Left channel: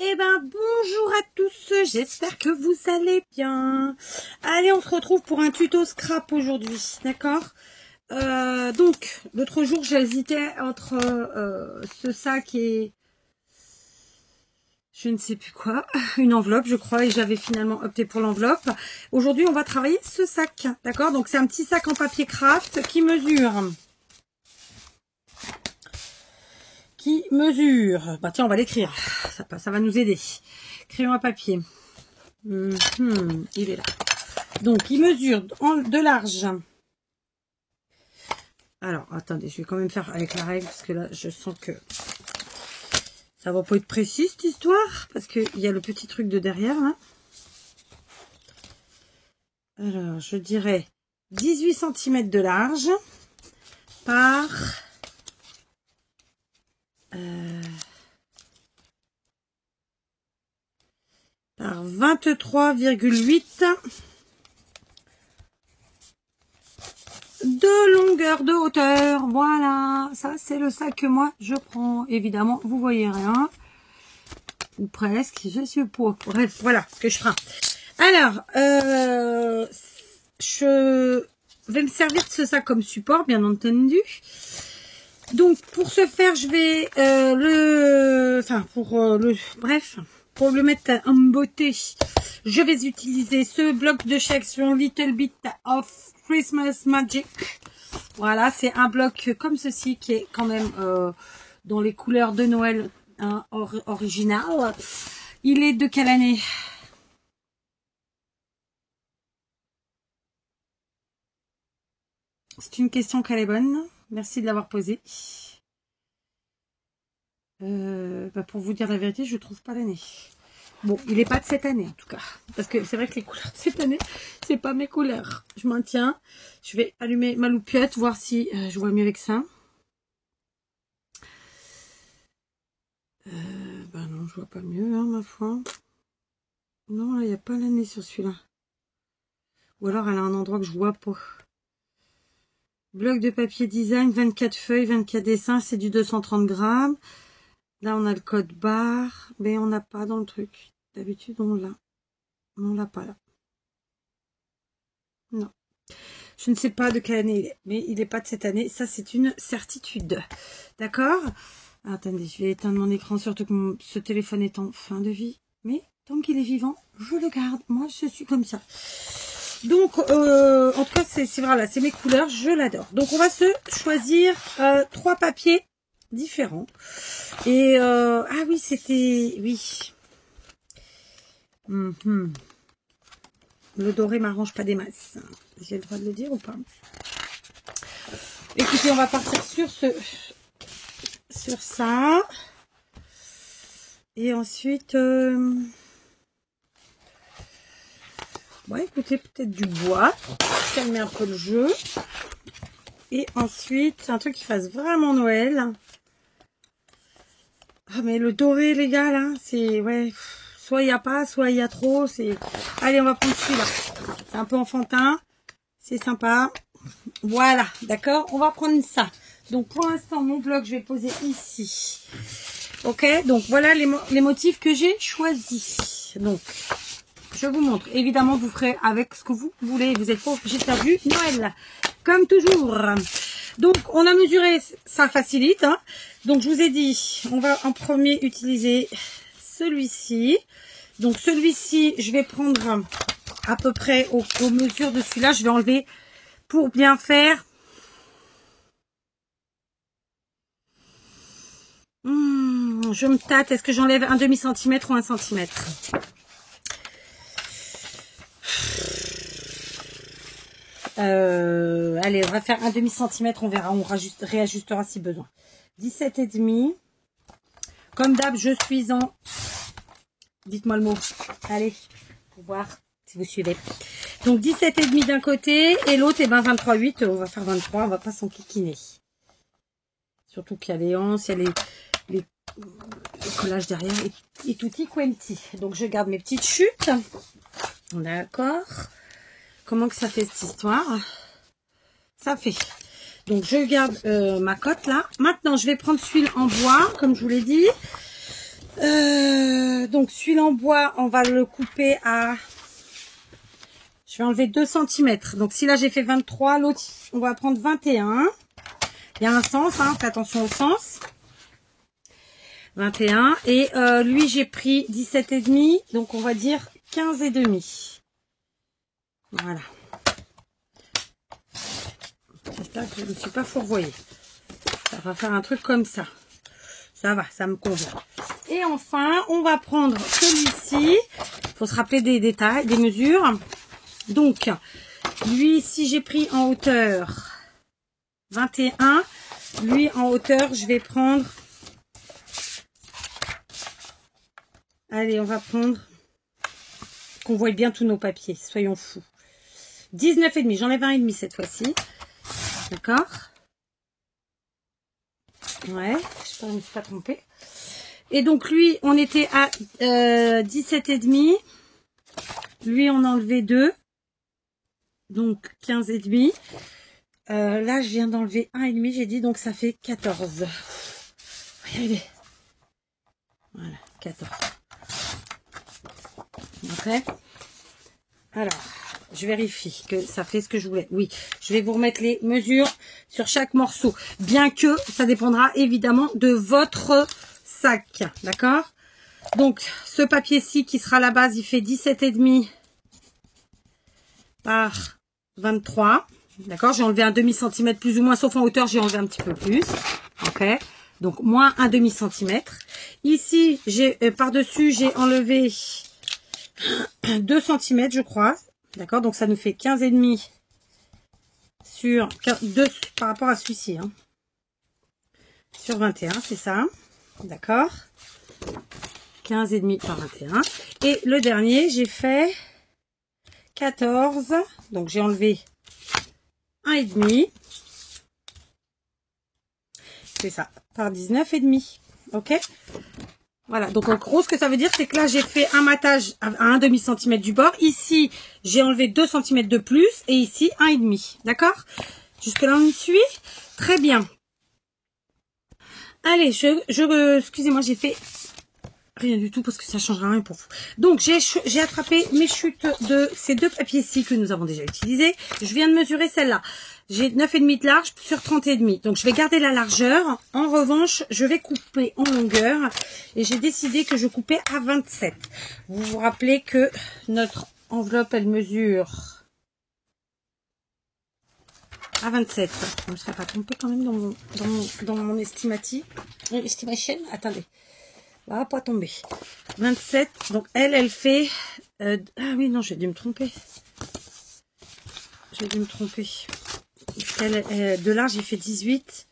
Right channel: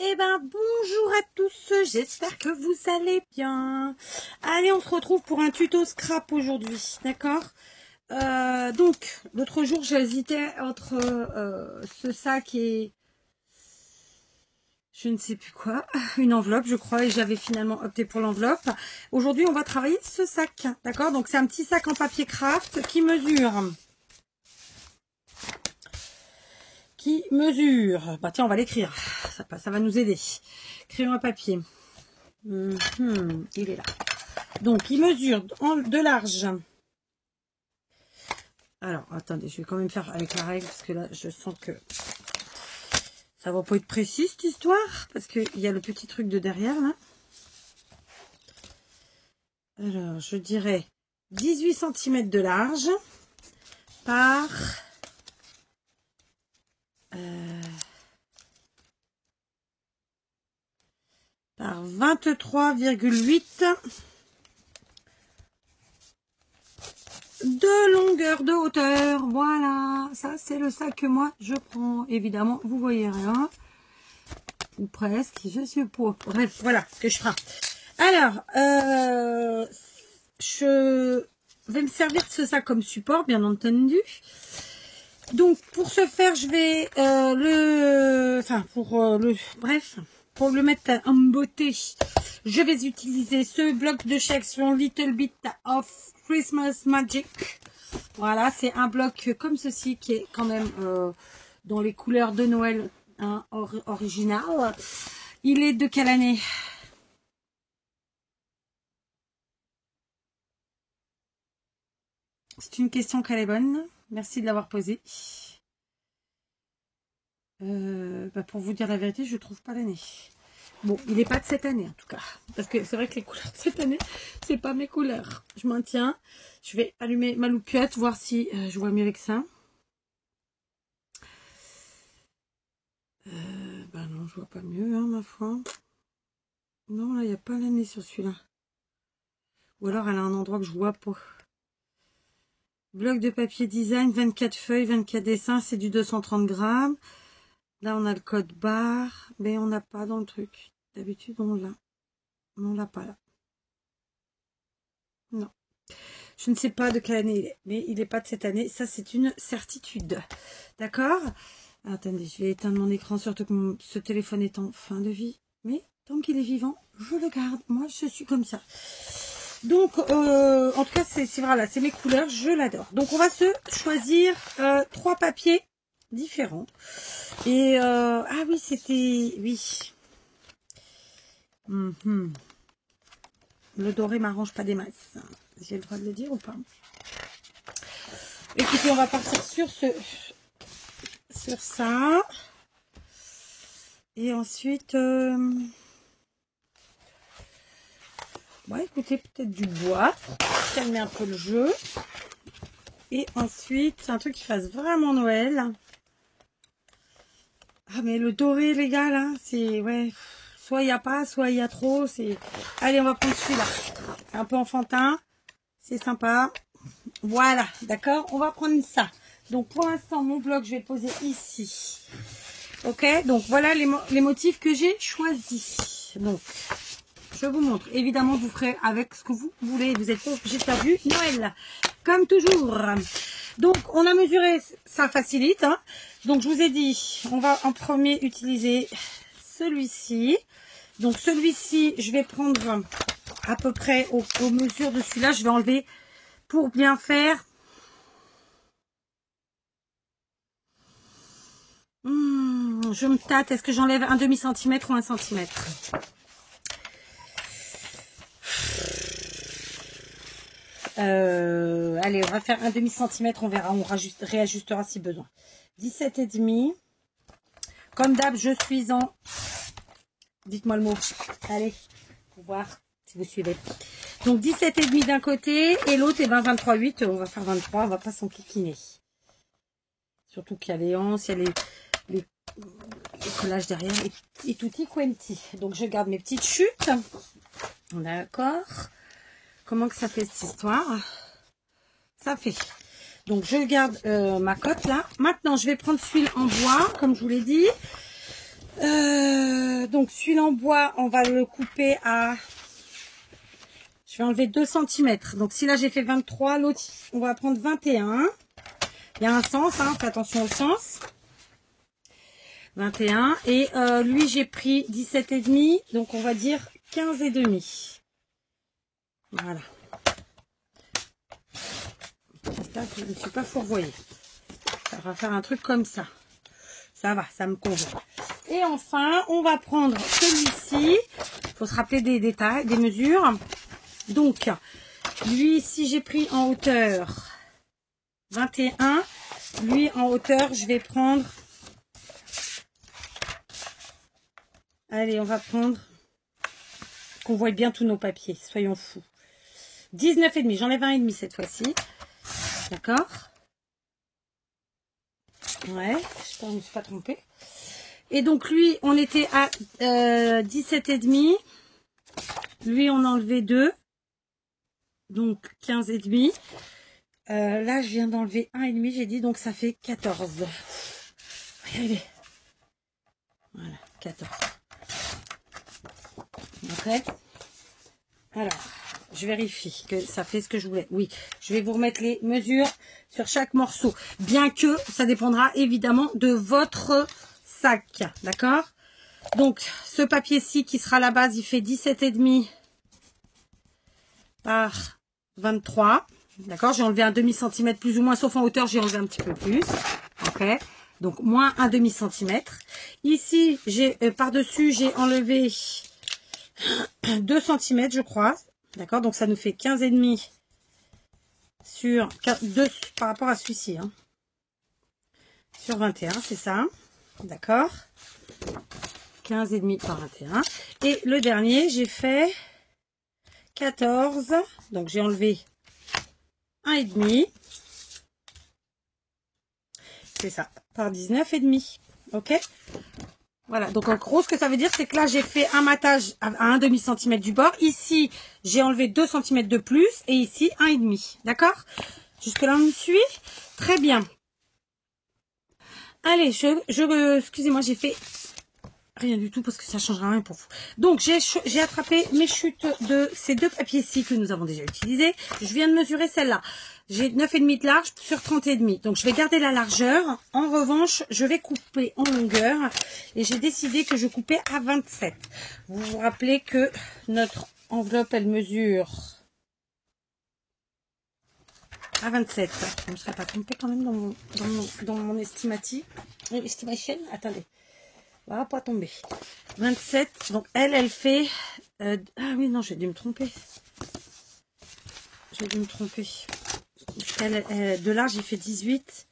Eh ben bonjour à tous, j'espère que vous allez bien. Allez, on se retrouve pour un tuto scrap aujourd'hui, d'accord. Donc, l'autre jour j'hésitais entre ce sac et je ne sais plus quoi, une enveloppe je crois, et j'avais finalement opté pour l'enveloppe. Aujourd'hui on va travailler ce sac, d'accord. Donc c'est un petit sac en papier craft qui mesure, bah tiens on va l'écrire, ça va nous aider. Crayon à papier, il est là. Donc il mesure de large. Alors attendez, je vais quand même faire avec la règle parce que là je sens que ça va pas être précis cette histoire, parce qu'il y a le petit truc de derrière là. Alors je dirais 18 cm de large par 23,8 de longueur de hauteur. Voilà, ça c'est le sac que moi je prends. Évidemment vous voyez rien, ou presque, je suis pour, bref, voilà ce que je ferai. Alors je vais me servir de ce sac comme support, bien entendu. Donc pour ce faire je vais pour le mettre en beauté, je vais utiliser ce bloc de section Little Bit of Christmas Magic. Voilà, c'est un bloc comme ceci qui est quand même dans les couleurs de Noël, hein, original. Il est de quelle année? C'est une question qu'elle est bonne. Merci de l'avoir posée. Pour vous dire la vérité, je trouve pas l'année. Bon, il n'est pas de cette année en tout cas, parce que c'est vrai que les couleurs de cette année, c'est pas mes couleurs. Je maintiens. Je vais allumer ma loupiote, voir si je vois mieux avec ça. Non, je vois pas mieux, hein, ma foi. Non, là, il n'y a pas l'année sur celui-là. Ou alors, elle a un endroit que je vois pas. Bloc de papier design, 24 feuilles, 24 dessins, c'est du 230 grammes. Là, on a le code barre, mais on n'a pas dans le truc. D'habitude, on l'a. On l'a pas là. Non. Je ne sais pas de quelle année il est, mais il n'est pas de cette année. Ça, c'est une certitude. D'accord? Attendez, je vais éteindre mon écran, surtout que ce téléphone est en fin de vie. Mais tant qu'il est vivant, je le garde. Moi, je suis comme ça. Donc, en tout cas, voilà, c'est mes couleurs. Je l'adore. Donc, on va se choisir 3 papiers différents. Et ah oui, c'était oui. Le doré m'arrange pas des masses. J'ai le droit de le dire ou pas? Écoutez, on va partir sur ça. Et ensuite, ouais, écoutez, peut-être du bois pour calmer un peu le jeu. Et ensuite, un truc qui fasse vraiment Noël. Ah, mais le doré, les gars, là, c'est, ouais, soit il n'y a pas, soit il y a trop, c'est... Allez, on va prendre celui-là. C'est un peu enfantin, c'est sympa. Voilà, d'accord, on va prendre ça. Donc, pour l'instant, mon bloc, je vais le poser ici. Ok, donc voilà les motifs que j'ai choisis. Donc, je vous montre. Évidemment, vous ferez avec ce que vous voulez. Vous n'êtes pas obligé de faire du Noël, comme toujours. Donc, on a mesuré, ça facilite, hein. Donc, je vous ai dit, on va en premier utiliser celui-ci. Donc, celui-ci, je vais prendre à peu près aux mesures de celui-là. Je vais enlever pour bien faire. Je me tâte. Est-ce que j'enlève un demi-centimètre ou 1 centimètre? Allez, on va faire un demi-centimètre, on verra, on réajustera si besoin. 17,5. Comme d'hab, je suis en... Dites-moi le mot. Allez, pour voir si vous suivez. Donc 17,5 d'un côté et l'autre, et ben 23,8. On va faire 23, on va pas s'enquiquiner. Surtout qu'il y a les anses, il y a les collages derrière et tutti quanti. Donc je garde mes petites chutes. D'accord. Comment que ça fait cette histoire? Ça fait. Donc, je garde ma cote là. Maintenant, je vais prendre celui en bois, comme je vous l'ai dit. donc celui-là en bois, on va le couper à... Je vais enlever 2 cm. Donc si là j'ai fait 23, l'autre on va prendre 21. Il y a un sens, hein, fais attention au sens. 21. Et lui j'ai pris 17,5. Donc on va dire 15,5. Voilà. J'espère que je ne me suis pas fourvoyée. Ça va faire un truc comme ça. Ça va, ça me convient. Et enfin, on va prendre celui-ci. Il faut se rappeler des détails, des mesures. Donc, lui ici, j'ai pris en hauteur 21. Lui, en hauteur, je vais prendre... Allez, on va prendre... Qu'on voit bien tous nos papiers, soyons fous. 19,5. J'enlève 1,5 cette fois-ci. D'accord? Ouais, je ne me suis pas trompée. Et donc lui, on était à 17,5. Lui, on a enlevé 2. Donc 15,5. Là, je viens d'enlever 1,5, j'ai dit, donc ça fait 14. Regardez. Voilà, 14. Ok. Alors, je vérifie que ça fait ce que je voulais. Oui, je vais vous remettre les mesures sur chaque morceau. Bien que ça dépendra évidemment de votre sac. D'accord? Donc, ce papier-ci qui sera la base, il fait 17,5 par 23. D'accord? J'ai enlevé un demi-centimètre plus ou moins, sauf en hauteur, j'ai enlevé un petit peu plus. Ok? Donc, moins un demi-centimètre. Ici, j'ai par-dessus, j'ai enlevé 2 cm, je crois. D'accord? Donc, ça nous fait 15,5 sur 2 par rapport à celui-ci. Hein. Sur 21, c'est ça. D'accord? 15,5 par 21. Et le dernier, j'ai fait 14. Donc, j'ai enlevé 1,5. C'est ça. Par 19,5. Ok? Voilà, donc en gros, ce que ça veut dire, c'est que là, j'ai fait un matage à 1 demi-centimètre du bord. Ici, j'ai enlevé 2 cm de plus. Et ici, 1,5. D'accord? Jusque là, on me suit? Très bien. Allez, excusez-moi, j'ai fait rien du tout parce que ça ne changera rien pour vous. Donc, j'ai attrapé mes chutes de ces 2 papiers-ci que nous avons déjà utilisés. Je viens de mesurer celle-là. J'ai 9,5 de large sur 30,5. Donc, je vais garder la largeur. En revanche, je vais couper en longueur. Et j'ai décidé que je coupais à 27. Vous vous rappelez que notre enveloppe, elle mesure à 27. Je ne me serais pas trompée quand même dans mon estimation. Attendez. Elle va pas tomber. 27. Donc, elle fait... ah oui, non, j'ai dû me tromper. J'ai dû me tromper. De là, j'ai fait 18.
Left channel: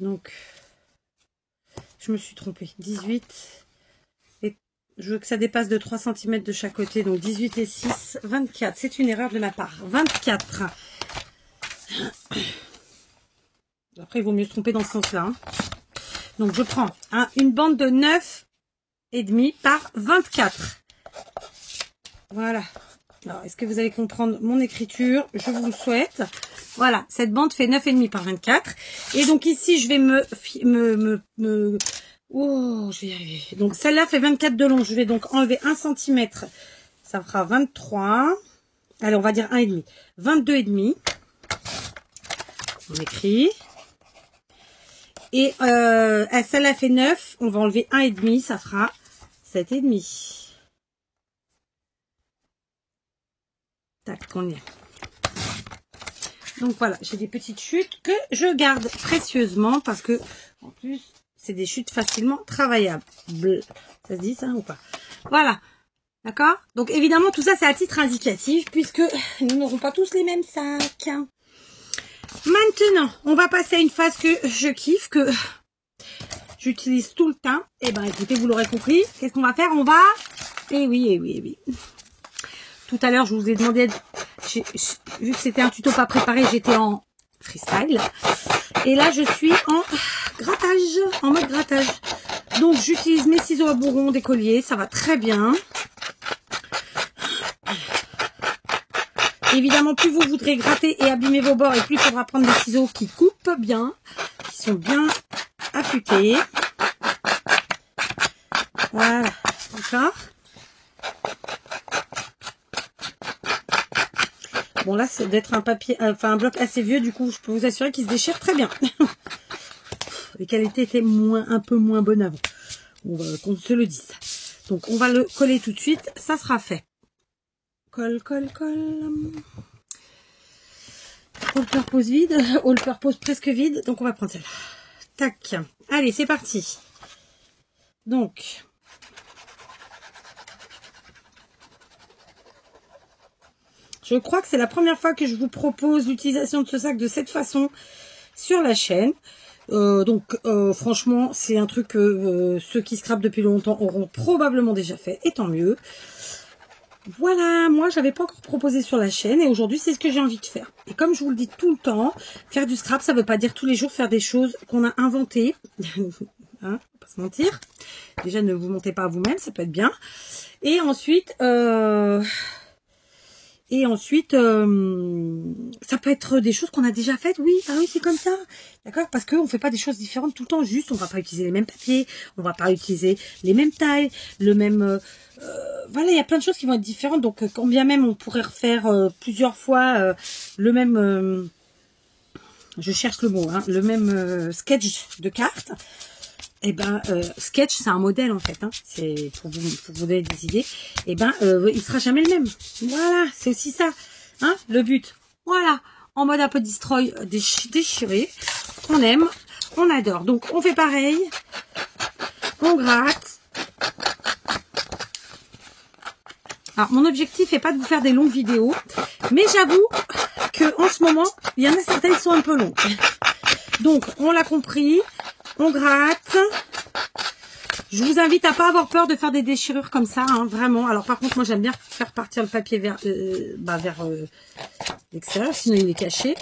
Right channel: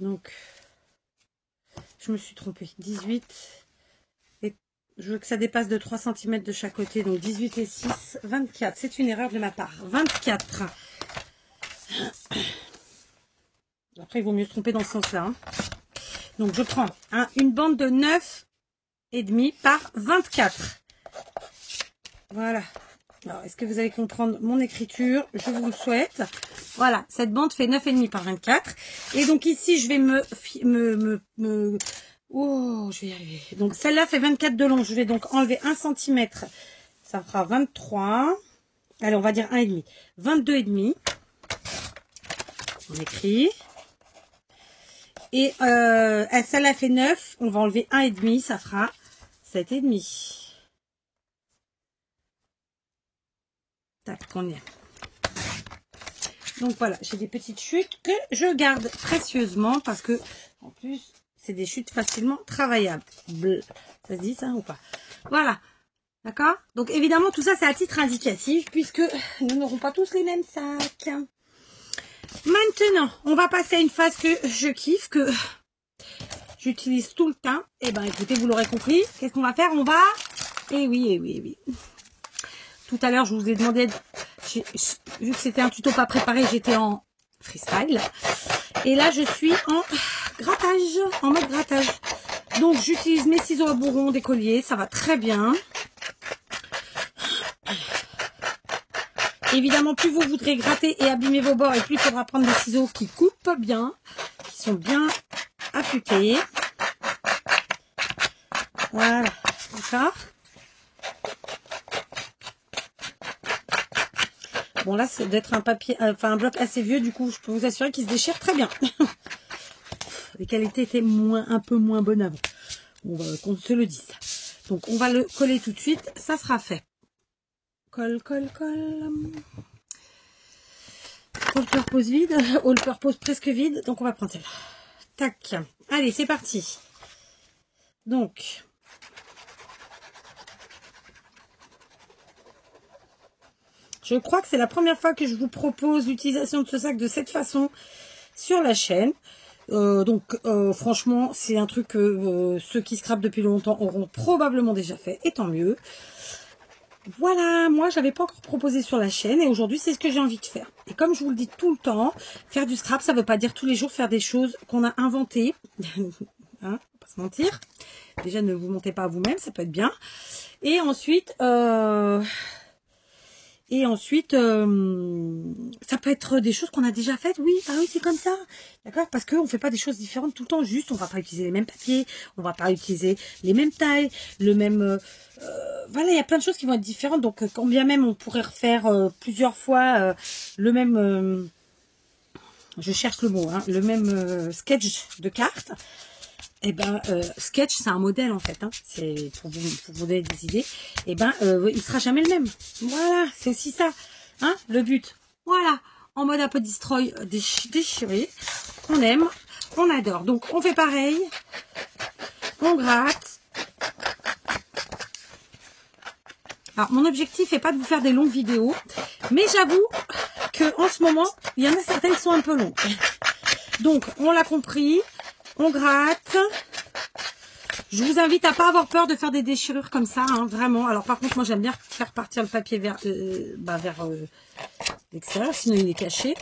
Donc, je me suis trompée. 18. Et je veux que ça dépasse de 3 cm de chaque côté. Donc, 18 et 6, 24. C'est une erreur de ma part. 24. Après, il vaut mieux se tromper dans ce sens-là. Hein. Donc, je prends une bande de 9,5 par 24. Voilà. Alors, est-ce que vous allez comprendre mon écriture? Je vous le souhaite. Voilà, cette bande fait 9,5 par 24. Et donc ici, je vais oh, je vais y arriver. Donc celle-là fait 24 de long. Je vais donc enlever 1 cm. Ça fera 23. Allez, on va dire 1,5. 22,5. On écrit. Et celle-là fait 9. On va enlever 1,5. Ça fera 7,5. Tac, combien? Donc voilà, j'ai des petites chutes que je garde précieusement parce que, en plus, c'est des chutes facilement travaillables. Ça se dit ça ou pas? Voilà. D'accord? Donc évidemment, tout ça, c'est à titre indicatif puisque nous n'aurons pas tous les mêmes sacs. Maintenant, on va passer à une phase que je kiffe, que j'utilise tout le temps. Et ben écoutez, vous l'aurez compris. Qu'est-ce qu'on va faire? On va... Eh oui, eh oui, eh oui. Tout à l'heure, je vous ai demandé, vu que c'était un tuto pas préparé, j'étais en freestyle. Et là, je suis en grattage, en mode grattage. Donc, j'utilise mes ciseaux à bourron d'écolier, ça va très bien. Évidemment, plus vous voudrez gratter et abîmer vos bords, et plus il faudra prendre des ciseaux qui coupent bien, qui sont bien affûtés. Voilà, d'accord. Bon là, c'est d'être un papier, enfin un bloc assez vieux, du coup, je peux vous assurer qu'il se déchire très bien. Les qualités étaient un peu moins bonnes avant. Qu'on se le dise. Donc on va le coller tout de suite, ça sera fait. Colle, colle, colle. All purpose vide, all purpose presque vide, donc on va prendre celle-là. Tac. Allez, c'est parti. Donc, je crois que c'est la première fois que je vous propose l'utilisation de ce sac de cette façon sur la chaîne. Franchement, c'est un truc que ceux qui scrapent depuis longtemps auront probablement déjà fait, et tant mieux. Voilà, moi j'avais pas encore proposé sur la chaîne et aujourd'hui c'est ce que j'ai envie de faire. Et comme je vous le dis tout le temps, faire du scrap, ça veut pas dire tous les jours faire des choses qu'on a inventées. Hein, pas se mentir. Déjà ne vous mentez pas à vous-même, ça peut être bien. Et ensuite, ça peut être des choses qu'on a déjà faites. Oui, ah oui, c'est comme ça. D'accord? Parce qu'on ne fait pas des choses différentes tout le temps. Juste, on va pas utiliser les mêmes papiers, on va pas utiliser les mêmes tailles, le même... voilà, il y a plein de choses qui vont être différentes. Donc, quand bien même on pourrait refaire plusieurs fois le même... je cherche le mot, hein, le même sketch de cartes. Et ben, sketch, c'est un modèle en fait. Hein, c'est pour vous donner des idées. Et ben, il sera jamais le même. Voilà, c'est aussi ça. Hein, le but. Voilà, en mode un peu destroy, déchiré. On aime, on adore. Donc, on fait pareil. On gratte. Alors, mon objectif n'est pas de vous faire des longues vidéos, mais j'avoue que en ce moment, il y en a certaines qui sont un peu longues. Donc, on l'a compris, on gratte. Je vous invite à pas avoir peur de faire des déchirures comme ça, hein, vraiment. Alors, par contre, moi, j'aime bien faire partir le papier vers l'extérieur, sinon il est caché.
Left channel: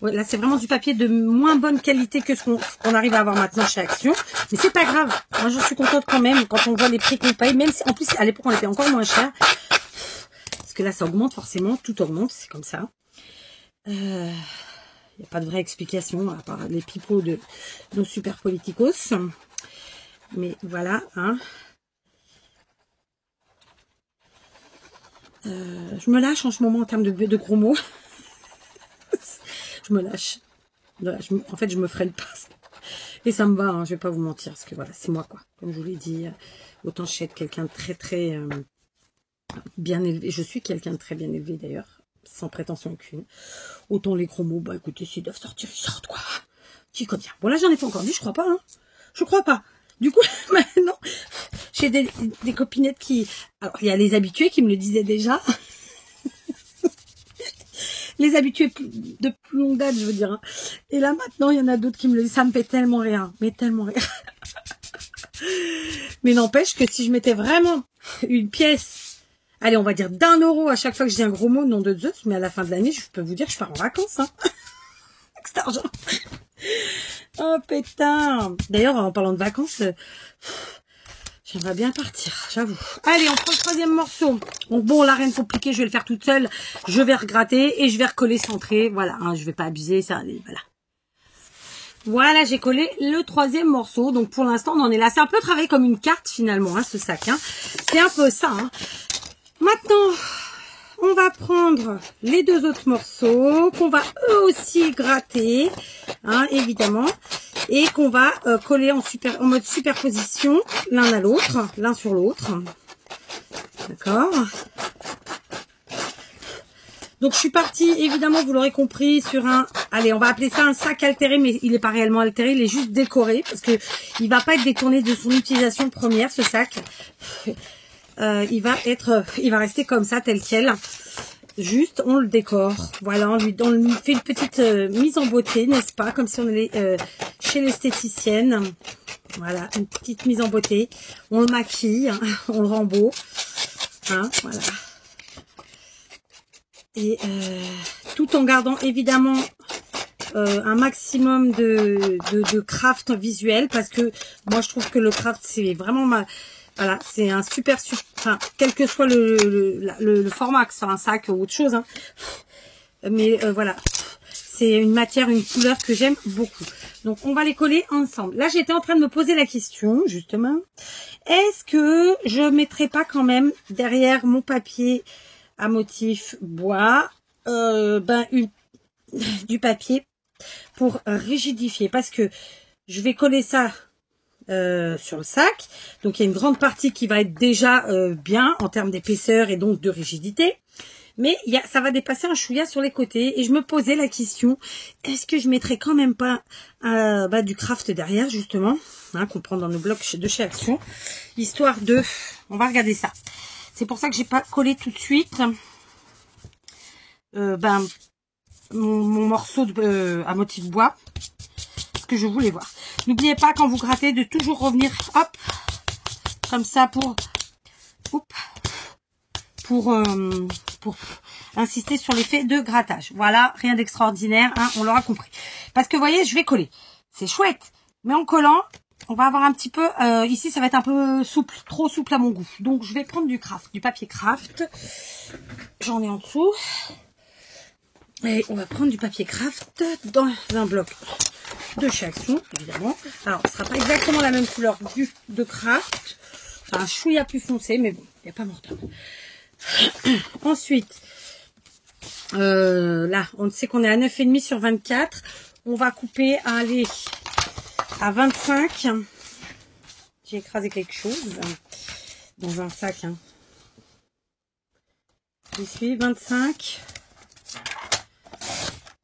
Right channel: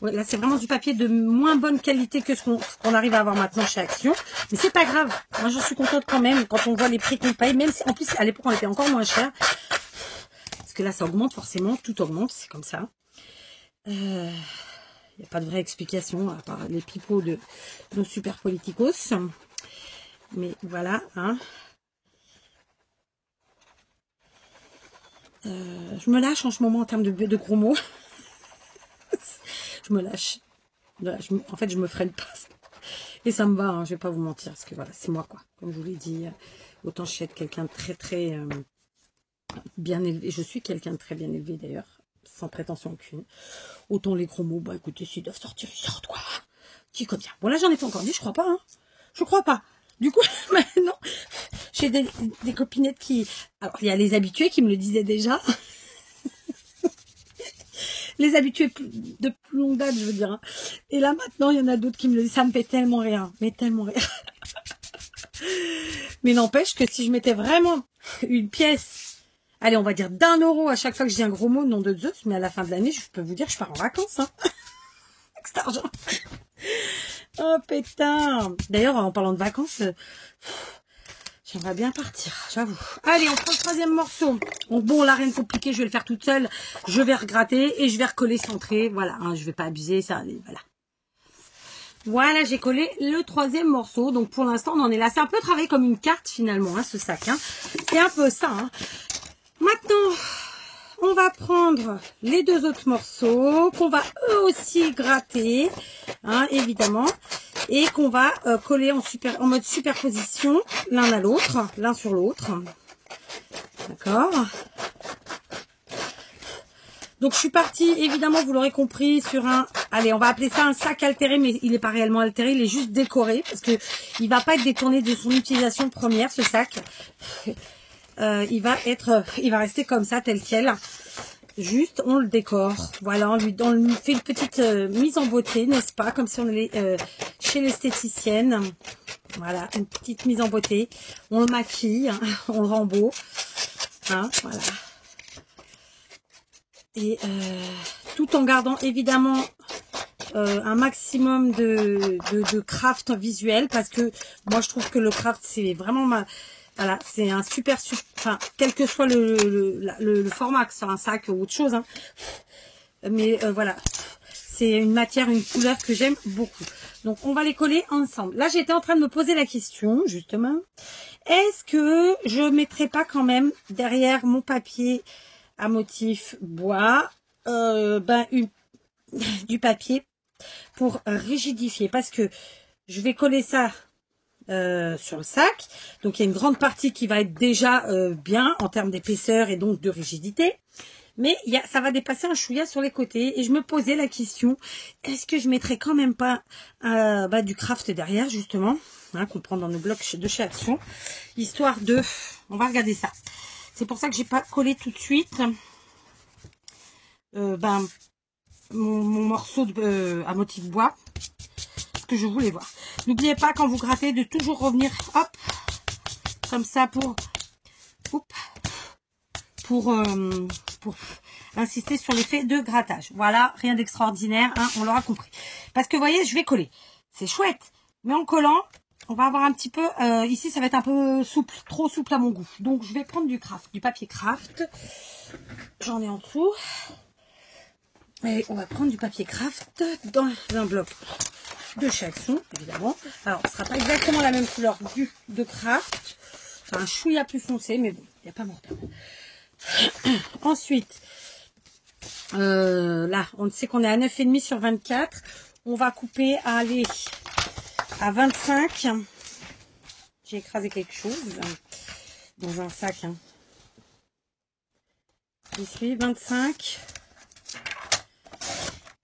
Ouais, là, c'est vraiment du papier de moins bonne qualité que ce qu'on arrive à avoir maintenant chez Action. Mais c'est pas grave. Moi, je suis contente quand même quand on voit les prix qu'on paye. Même si, en plus, à l'époque, on était encore moins cher. Parce que là, ça augmente forcément. Tout augmente. C'est comme ça. Il n'y a pas de vraie explication à part les pipeaux de nos super politicos. Mais voilà. Hein. Je me lâche en ce moment en termes de gros mots. Je me lâche. En fait, je me freine pas. Et ça me va, hein, je vais pas vous mentir. Parce que voilà, c'est moi, quoi. Comme je vous l'ai dit, autant je suis quelqu'un de très, très bien élevé. Je suis quelqu'un de très bien élevé, d'ailleurs. Sans prétention aucune. Autant les gros mots, bah écoutez, s'ils doivent sortir, ils sortent, quoi. Dis comme ça. Bon, là, j'en ai pas encore dit, je crois pas, hein. Je crois pas. Du coup, maintenant, j'ai des copinettes qui... Alors, il y a les habitués qui me le disaient déjà. Les habitués de plus longue date, je veux dire. Hein. Et là, maintenant, il y en a d'autres qui me le disent. Ça me fait tellement rire. Mais tellement rire. Mais n'empêche que si je mettais vraiment une pièce, allez, on va dire d'1 € à chaque fois que je dis un gros mot, nom de Zeus, mais à la fin de l'année, je peux vous dire, je pars en vacances. Hein. Avec cet argent. Oh, putain. D'ailleurs, en parlant de vacances... j'aimerais bien partir, j'avoue. Allez, on prend le troisième morceau. Donc bon, là, rien de compliqué, je vais le faire toute seule. Je vais regratter et je vais recoller centré. Voilà, hein, je vais pas abuser, ça, voilà. Voilà, j'ai collé le troisième morceau. Donc pour l'instant, on en est là. C'est un peu travaillé comme une carte finalement, hein, ce sac. Hein. C'est un peu ça. Hein. Maintenant, on va prendre les deux autres morceaux qu'on va eux aussi gratter, hein, évidemment. Et qu'on va coller en mode superposition, l'un à l'autre, l'un sur l'autre. D'accord. Donc, je suis partie, évidemment, vous l'aurez compris, sur un... Allez, on va appeler ça un sac altéré, mais il n'est pas réellement altéré, il est juste décoré, parce que il va pas être détourné de son utilisation première, ce sac. Il va rester comme ça, tel quel. Juste, on le décore. Voilà, on lui fait une petite mise en beauté, n'est-ce pas? Comme si on allait chez l'esthéticienne. Voilà, une petite mise en beauté. On le maquille, hein, on le rend beau. Hein, voilà. Et tout en gardant évidemment un maximum de craft visuel. Parce que moi, je trouve que le craft, c'est vraiment Voilà, c'est un super, enfin, quel que soit le format, que ce soit un sac ou autre chose. Hein. Mais voilà, c'est une matière, une couleur que j'aime beaucoup. Donc, on va les coller ensemble. Là, j'étais en train de me poser la question, justement. Est-ce que je mettrai pas quand même derrière mon papier à motif bois, du papier pour rigidifier? Parce que je vais coller ça sur le sac. Donc, il y a une grande partie qui va être déjà bien en termes d'épaisseur et donc de rigidité. Mais ça va dépasser un chouïa sur les côtés. Et je me posais la question, est-ce que je mettrais quand même pas du craft derrière, justement, hein, qu'on prend dans nos blocs de chez Action, histoire de... On va regarder ça. C'est pour ça que j'ai pas collé tout de suite mon morceau à motif bois. Parce que je voulais voir. N'oubliez pas, quand vous grattez, de toujours revenir, hop, comme ça pour insister sur l'effet de grattage. Voilà, rien d'extraordinaire, hein, on l'aura compris. Parce que vous voyez, je vais coller. C'est chouette, mais en collant, on va avoir un petit peu... ici, ça va être un peu souple, trop souple à mon goût. Donc, je vais prendre du papier craft. J'en ai en dessous. Et on va prendre du papier craft dans un bloc de chez Action, évidemment. Alors, ce ne sera pas exactement la même couleur de craft. C'est un chouïa plus foncé, mais bon, il n'y a pas mort. Ensuite, là, on sait qu'on est à 9,5 sur 24. On va couper à 25. J'ai écrasé quelque chose dans un sac. Hein. Je suis 25.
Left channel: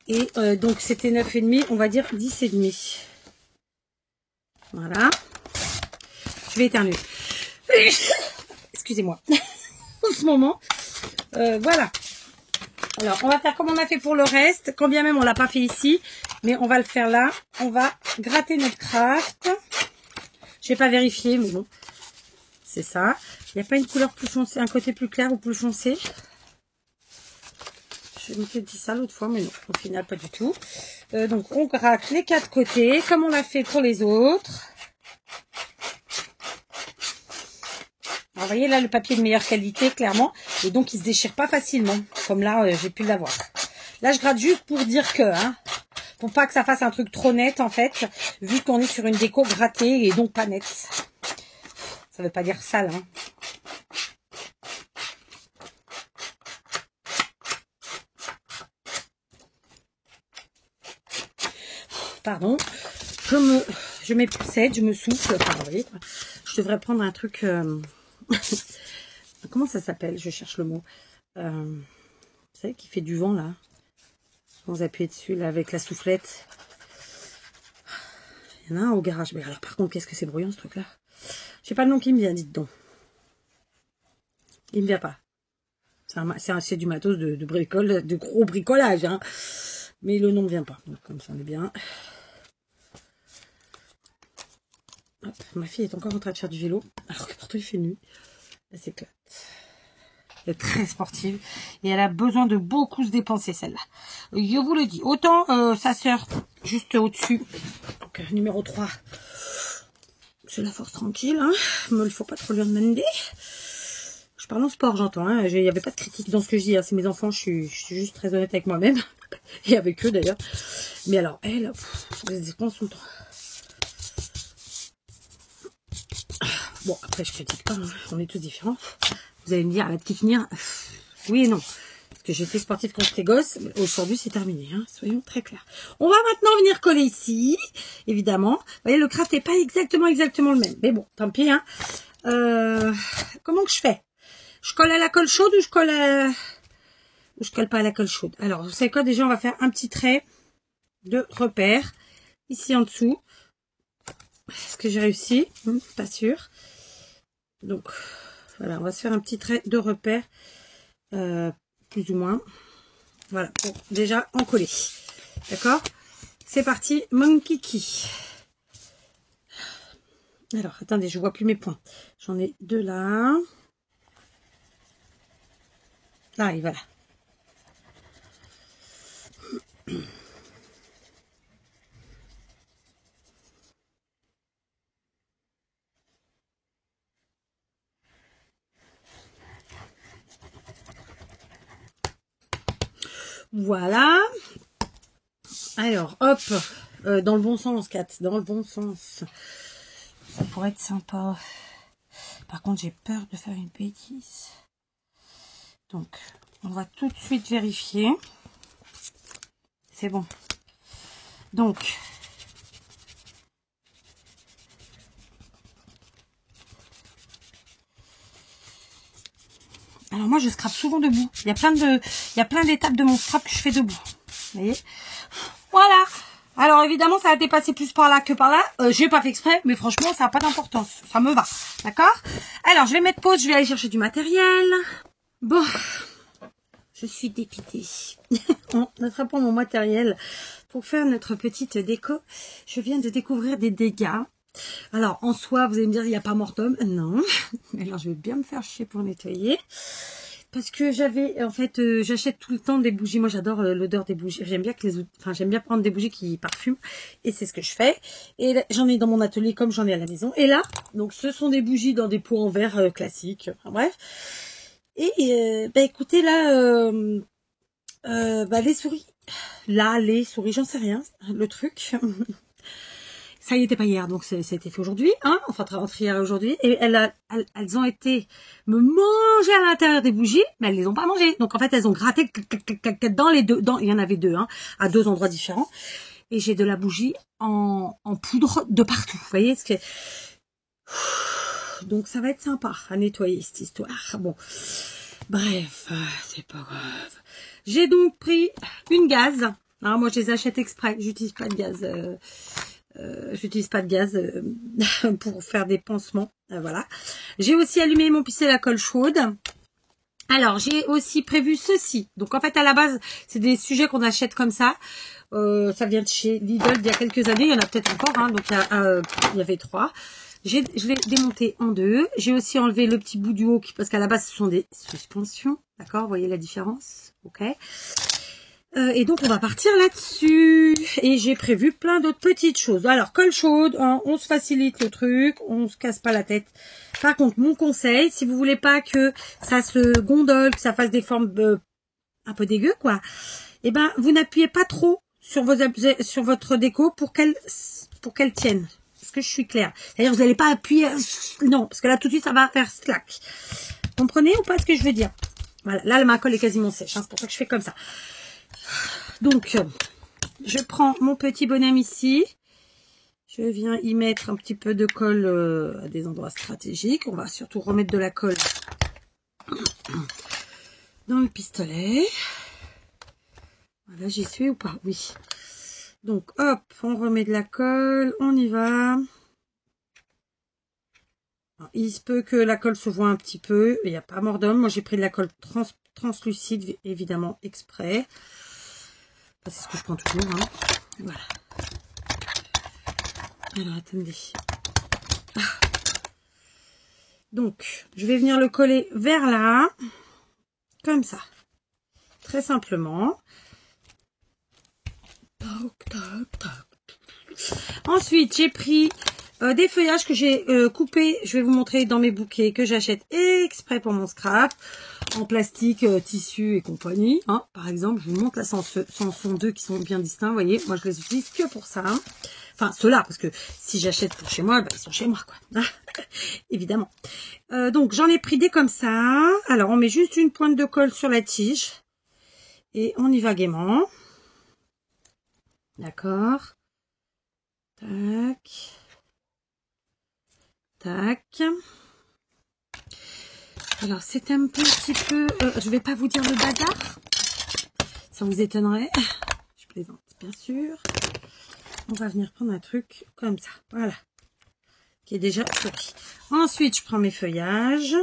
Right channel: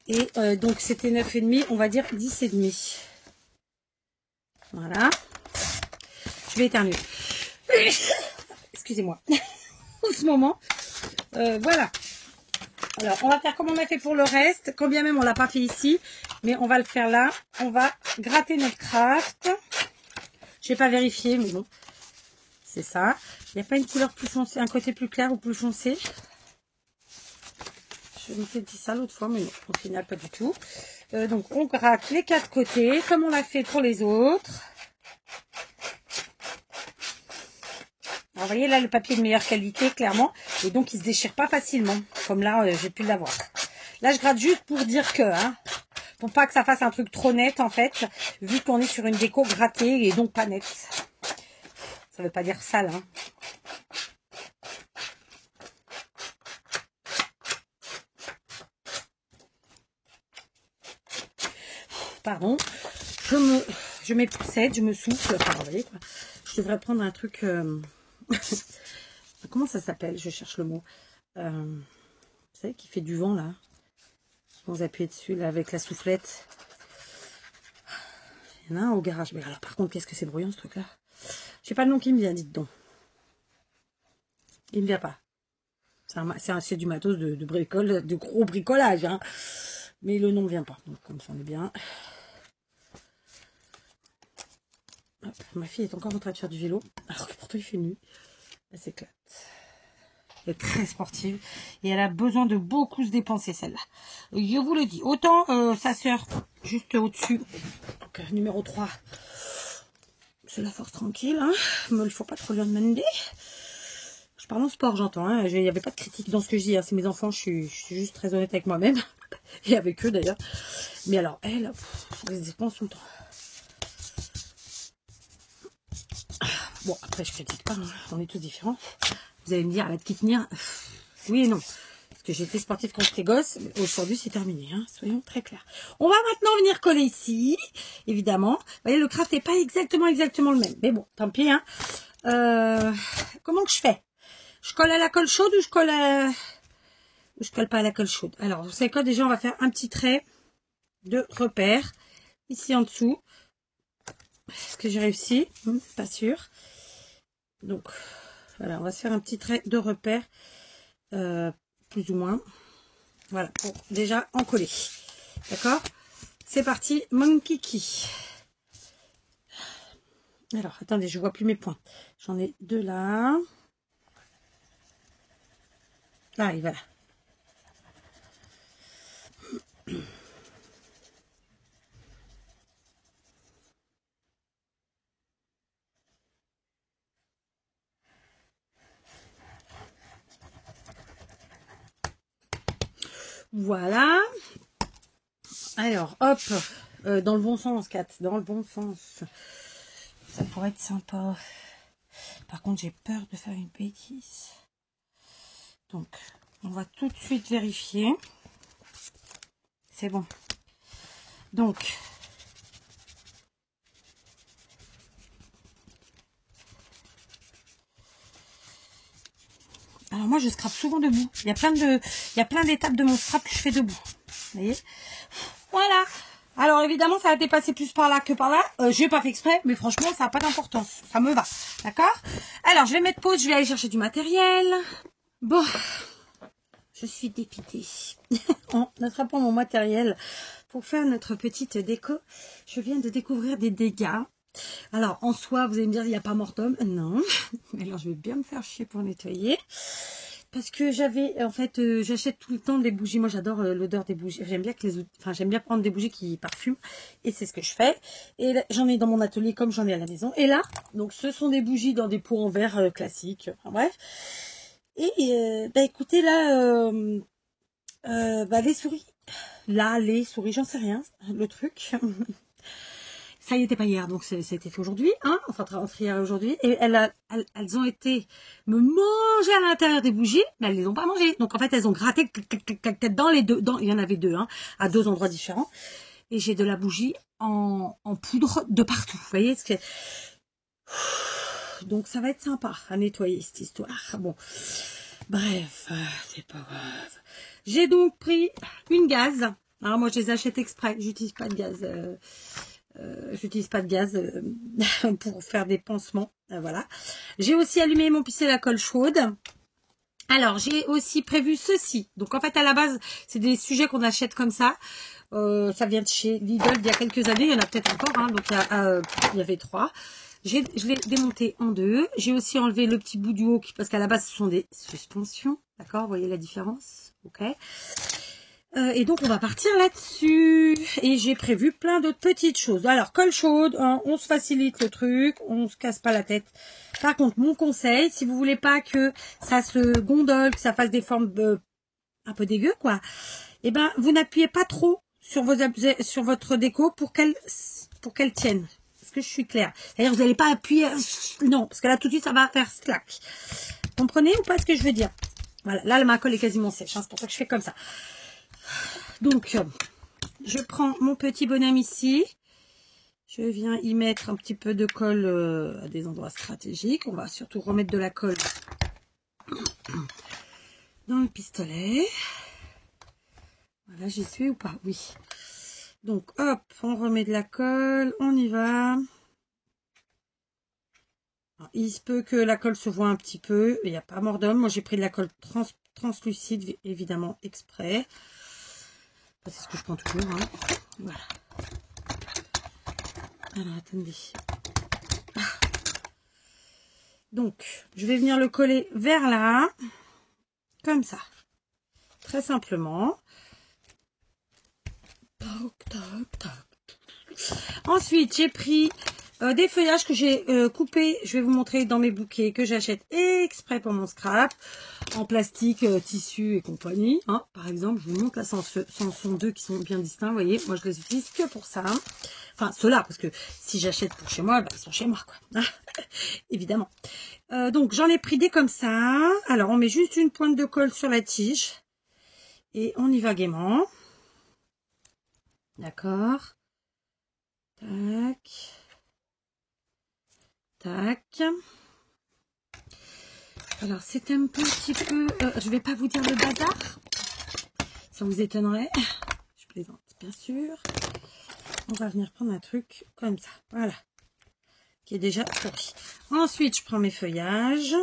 Et donc, c'était 9,5. On va dire 10,5. Voilà. Je vais éternuer. Excusez-moi. En ce moment. Voilà. Alors, on va faire comme on a fait pour le reste. Quand bien même on l'a pas fait ici. Mais on va le faire là. On va gratter notre craft. Je vais pas vérifier, mais bon. C'est ça. Il n'y a pas une couleur plus foncée, un côté plus clair ou plus foncé. Je m'étais dit ça l'autre fois, mais non. Au final, pas du tout. Donc, on gratte les 4 côtés, comme on l'a fait pour les autres. Alors, vous voyez là le papier de meilleure qualité, clairement. Et donc, il se déchire pas facilement. Comme là, j'ai pu l'avoir. Là, je gratte juste pour dire que... Hein, pour pas que ça fasse un truc trop net, en fait. Vu qu'on est sur une déco grattée et donc pas nette. Ça veut pas dire sale. Hein. Pardon. Je m'époussette, je me souffle. Je devrais prendre un truc... Comment ça s'appelle? Je cherche le mot. Vous savez, qui fait du vent, là. Vous appuyez dessus, là, avec la soufflette. Il y en a un au garage. Mais alors, par contre, qu'est-ce que c'est bruyant, ce truc-là? Je sais pas le nom qui me vient, dites donc. Il ne vient pas. C'est du matos de bricole, de gros bricolage, hein. Mais le nom ne vient pas. Donc, comme ça, on est bien. Hop, ma fille est encore en train de faire du vélo, alors que pourtant il fait nuit. Elle s'éclate. Elle est très sportive et elle a besoin de beaucoup se dépenser, celle-là. Je vous le dis. Autant sa sœur, juste au-dessus, donc numéro 3, c'est la force tranquille. Hein. Mais il ne faut pas trop lui en demander. Je parle en sport, j'entends. Hein. Il n'y avait pas de critique dans ce que je dis. Hein. C'est mes enfants, je suis juste très honnête avec moi-même. Et avec eux d'ailleurs. Mais alors, elle se dépense tout le temps. Bon, après, je critique pas, hein. On est tous différents. Vous allez me dire, la petite Nia, oui et non. Parce que j'étais sportive quand j'étais gosse. Aujourd'hui, c'est terminé. Hein. Soyons très clairs. On va maintenant venir coller ici, évidemment. Vous voyez, le craft n'est pas exactement le même. Mais bon, tant pis. Hein. Comment que je fais? Je colle à la colle chaude ou je colle pas à la colle chaude? Alors, vous savez quoi? Déjà, on va faire un petit trait de repère. Ici en dessous. Est-ce que j'ai réussi? Pas sûr. Donc, voilà, on va se faire un petit trait de repère, plus ou moins. Voilà, pour déjà en coller. D'accord? C'est parti, mon kiki. Alors, attendez, je vois plus mes points. J'en ai 2 là. Ah, et voilà. Voilà. Alors, hop, Dans le bon sens, Kat, dans le bon sens. Ça pourrait être sympa. Par contre, j'ai peur de faire une bêtise. Donc, on va tout de suite vérifier. C'est bon. Donc, alors moi je scrape souvent debout. Il y a plein d'étapes de mon scrap que je fais debout. Vous voyez? Voilà. Alors évidemment ça a dépassé plus par là que par là. J'ai pas fait exprès, mais franchement ça n'a pas d'importance. Ça me va. D'accord? Alors je vais mettre pause, je vais aller chercher du matériel. Bon. Je suis dépitée. En attrapant mon matériel pour faire notre petite déco, je viens de découvrir des dégâts. Alors, en soi, vous allez me dire, il n'y a pas mort d'homme. Non. Alors, je vais bien me faire chier pour nettoyer. Parce que j'avais, en fait, j'achète tout le temps des bougies. Moi, j'adore l'odeur des bougies. J'aime bien j'aime bien prendre des bougies qui parfument. Et c'est ce que je fais. Et j'en ai dans mon atelier comme j'en ai à la maison. Et là, donc, ce sont des bougies dans des pots en verre classiques. Enfin, bref. Et, bah, écoutez, là, bah, les souris. Là, les souris, j'en sais rien. Le truc. Ça y était pas hier, donc c'était fait aujourd'hui, hein, enfin entre hier et aujourd'hui, et elles ont été me manger à l'intérieur des bougies, mais elles les ont pas mangées. Donc en fait, elles ont gratté dans les deux, il y en avait deux, hein, à deux endroits différents, et j'ai de la bougie en poudre de partout, vous voyez, donc ça va être sympa à nettoyer cette histoire. Bon, bref, c'est pas grave. J'ai donc pris une gaz, hein, moi je les achète exprès, j'utilise pas de gaz. J'utilise pas de gaz pour faire des pansements. Voilà. J'ai aussi allumé mon pistolet à colle chaude. Alors, j'ai aussi prévu ceci. Donc, en fait, à la base, c'est des sujets qu'on achète comme ça. Ça vient de chez Lidl il y a quelques années. Il y en a peut-être encore. Hein, donc, il y avait 3. Je l'ai démonté en 2. J'ai aussi enlevé le petit bout du haut parce qu'à la base, ce sont des suspensions. D'accord? Vous voyez la différence? Ok. Et donc on va partir là-dessus. Et j'ai prévu plein d'autres petites choses. Alors colle chaude, hein, on se facilite le truc, on se casse pas la tête. Par contre, mon conseil, si vous voulez pas que ça se gondole, que ça fasse des formes un peu dégueu, quoi, et ben vous n'appuyez pas trop sur votre déco pour qu'elle tienne. Est-ce que je suis claire? C'est-à-dire vous n'allez pas appuyer, non, parce que là tout de suite ça va faire slack. Comprenez ou pas ce que je veux dire? Voilà, là ma colle est quasiment sèche, hein, c'est pour ça que je fais comme ça. Donc, je prends mon petit bonhomme ici. Je viens y mettre un petit peu de colle à des endroits stratégiques. On va surtout remettre de la colle dans le pistolet. Voilà, j'y suis ou pas? Oui. Donc, hop, on remet de la colle. On y va. Alors, il se peut que la colle se voit un petit peu. Il n'y a pas mort d'homme. Moi, j'ai pris de la colle translucide, évidemment, exprès. C'est ce que je prends toujours, hein. Voilà. Alors, attendez. Donc, je vais venir le coller vers là. Comme ça. Très simplement. Ensuite, j'ai pris des feuillages que j'ai coupés. Je vais vous montrer dans mes bouquets que j'achète exprès pour mon scrap. En plastique, tissu et compagnie. Hein. Par exemple, je vous montre là, ce sont deux qui sont bien distincts. Vous voyez, moi je les utilise que pour ça. Hein. Enfin, ceux-là, parce que si j'achète pour chez moi, bah, ils sont chez moi, quoi. Évidemment. Donc, j'en ai pris des comme ça. Alors, on met juste une pointe de colle sur la tige. Et on y va gaiement. D'accord. Tac. Tac. Alors, c'est un petit peu... je vais pas vous dire le bazar. Ça vous étonnerait. Je plaisante, bien sûr. On va venir prendre un truc comme ça. Voilà. Qui est déjà copié. Ensuite, je prends mes feuillages.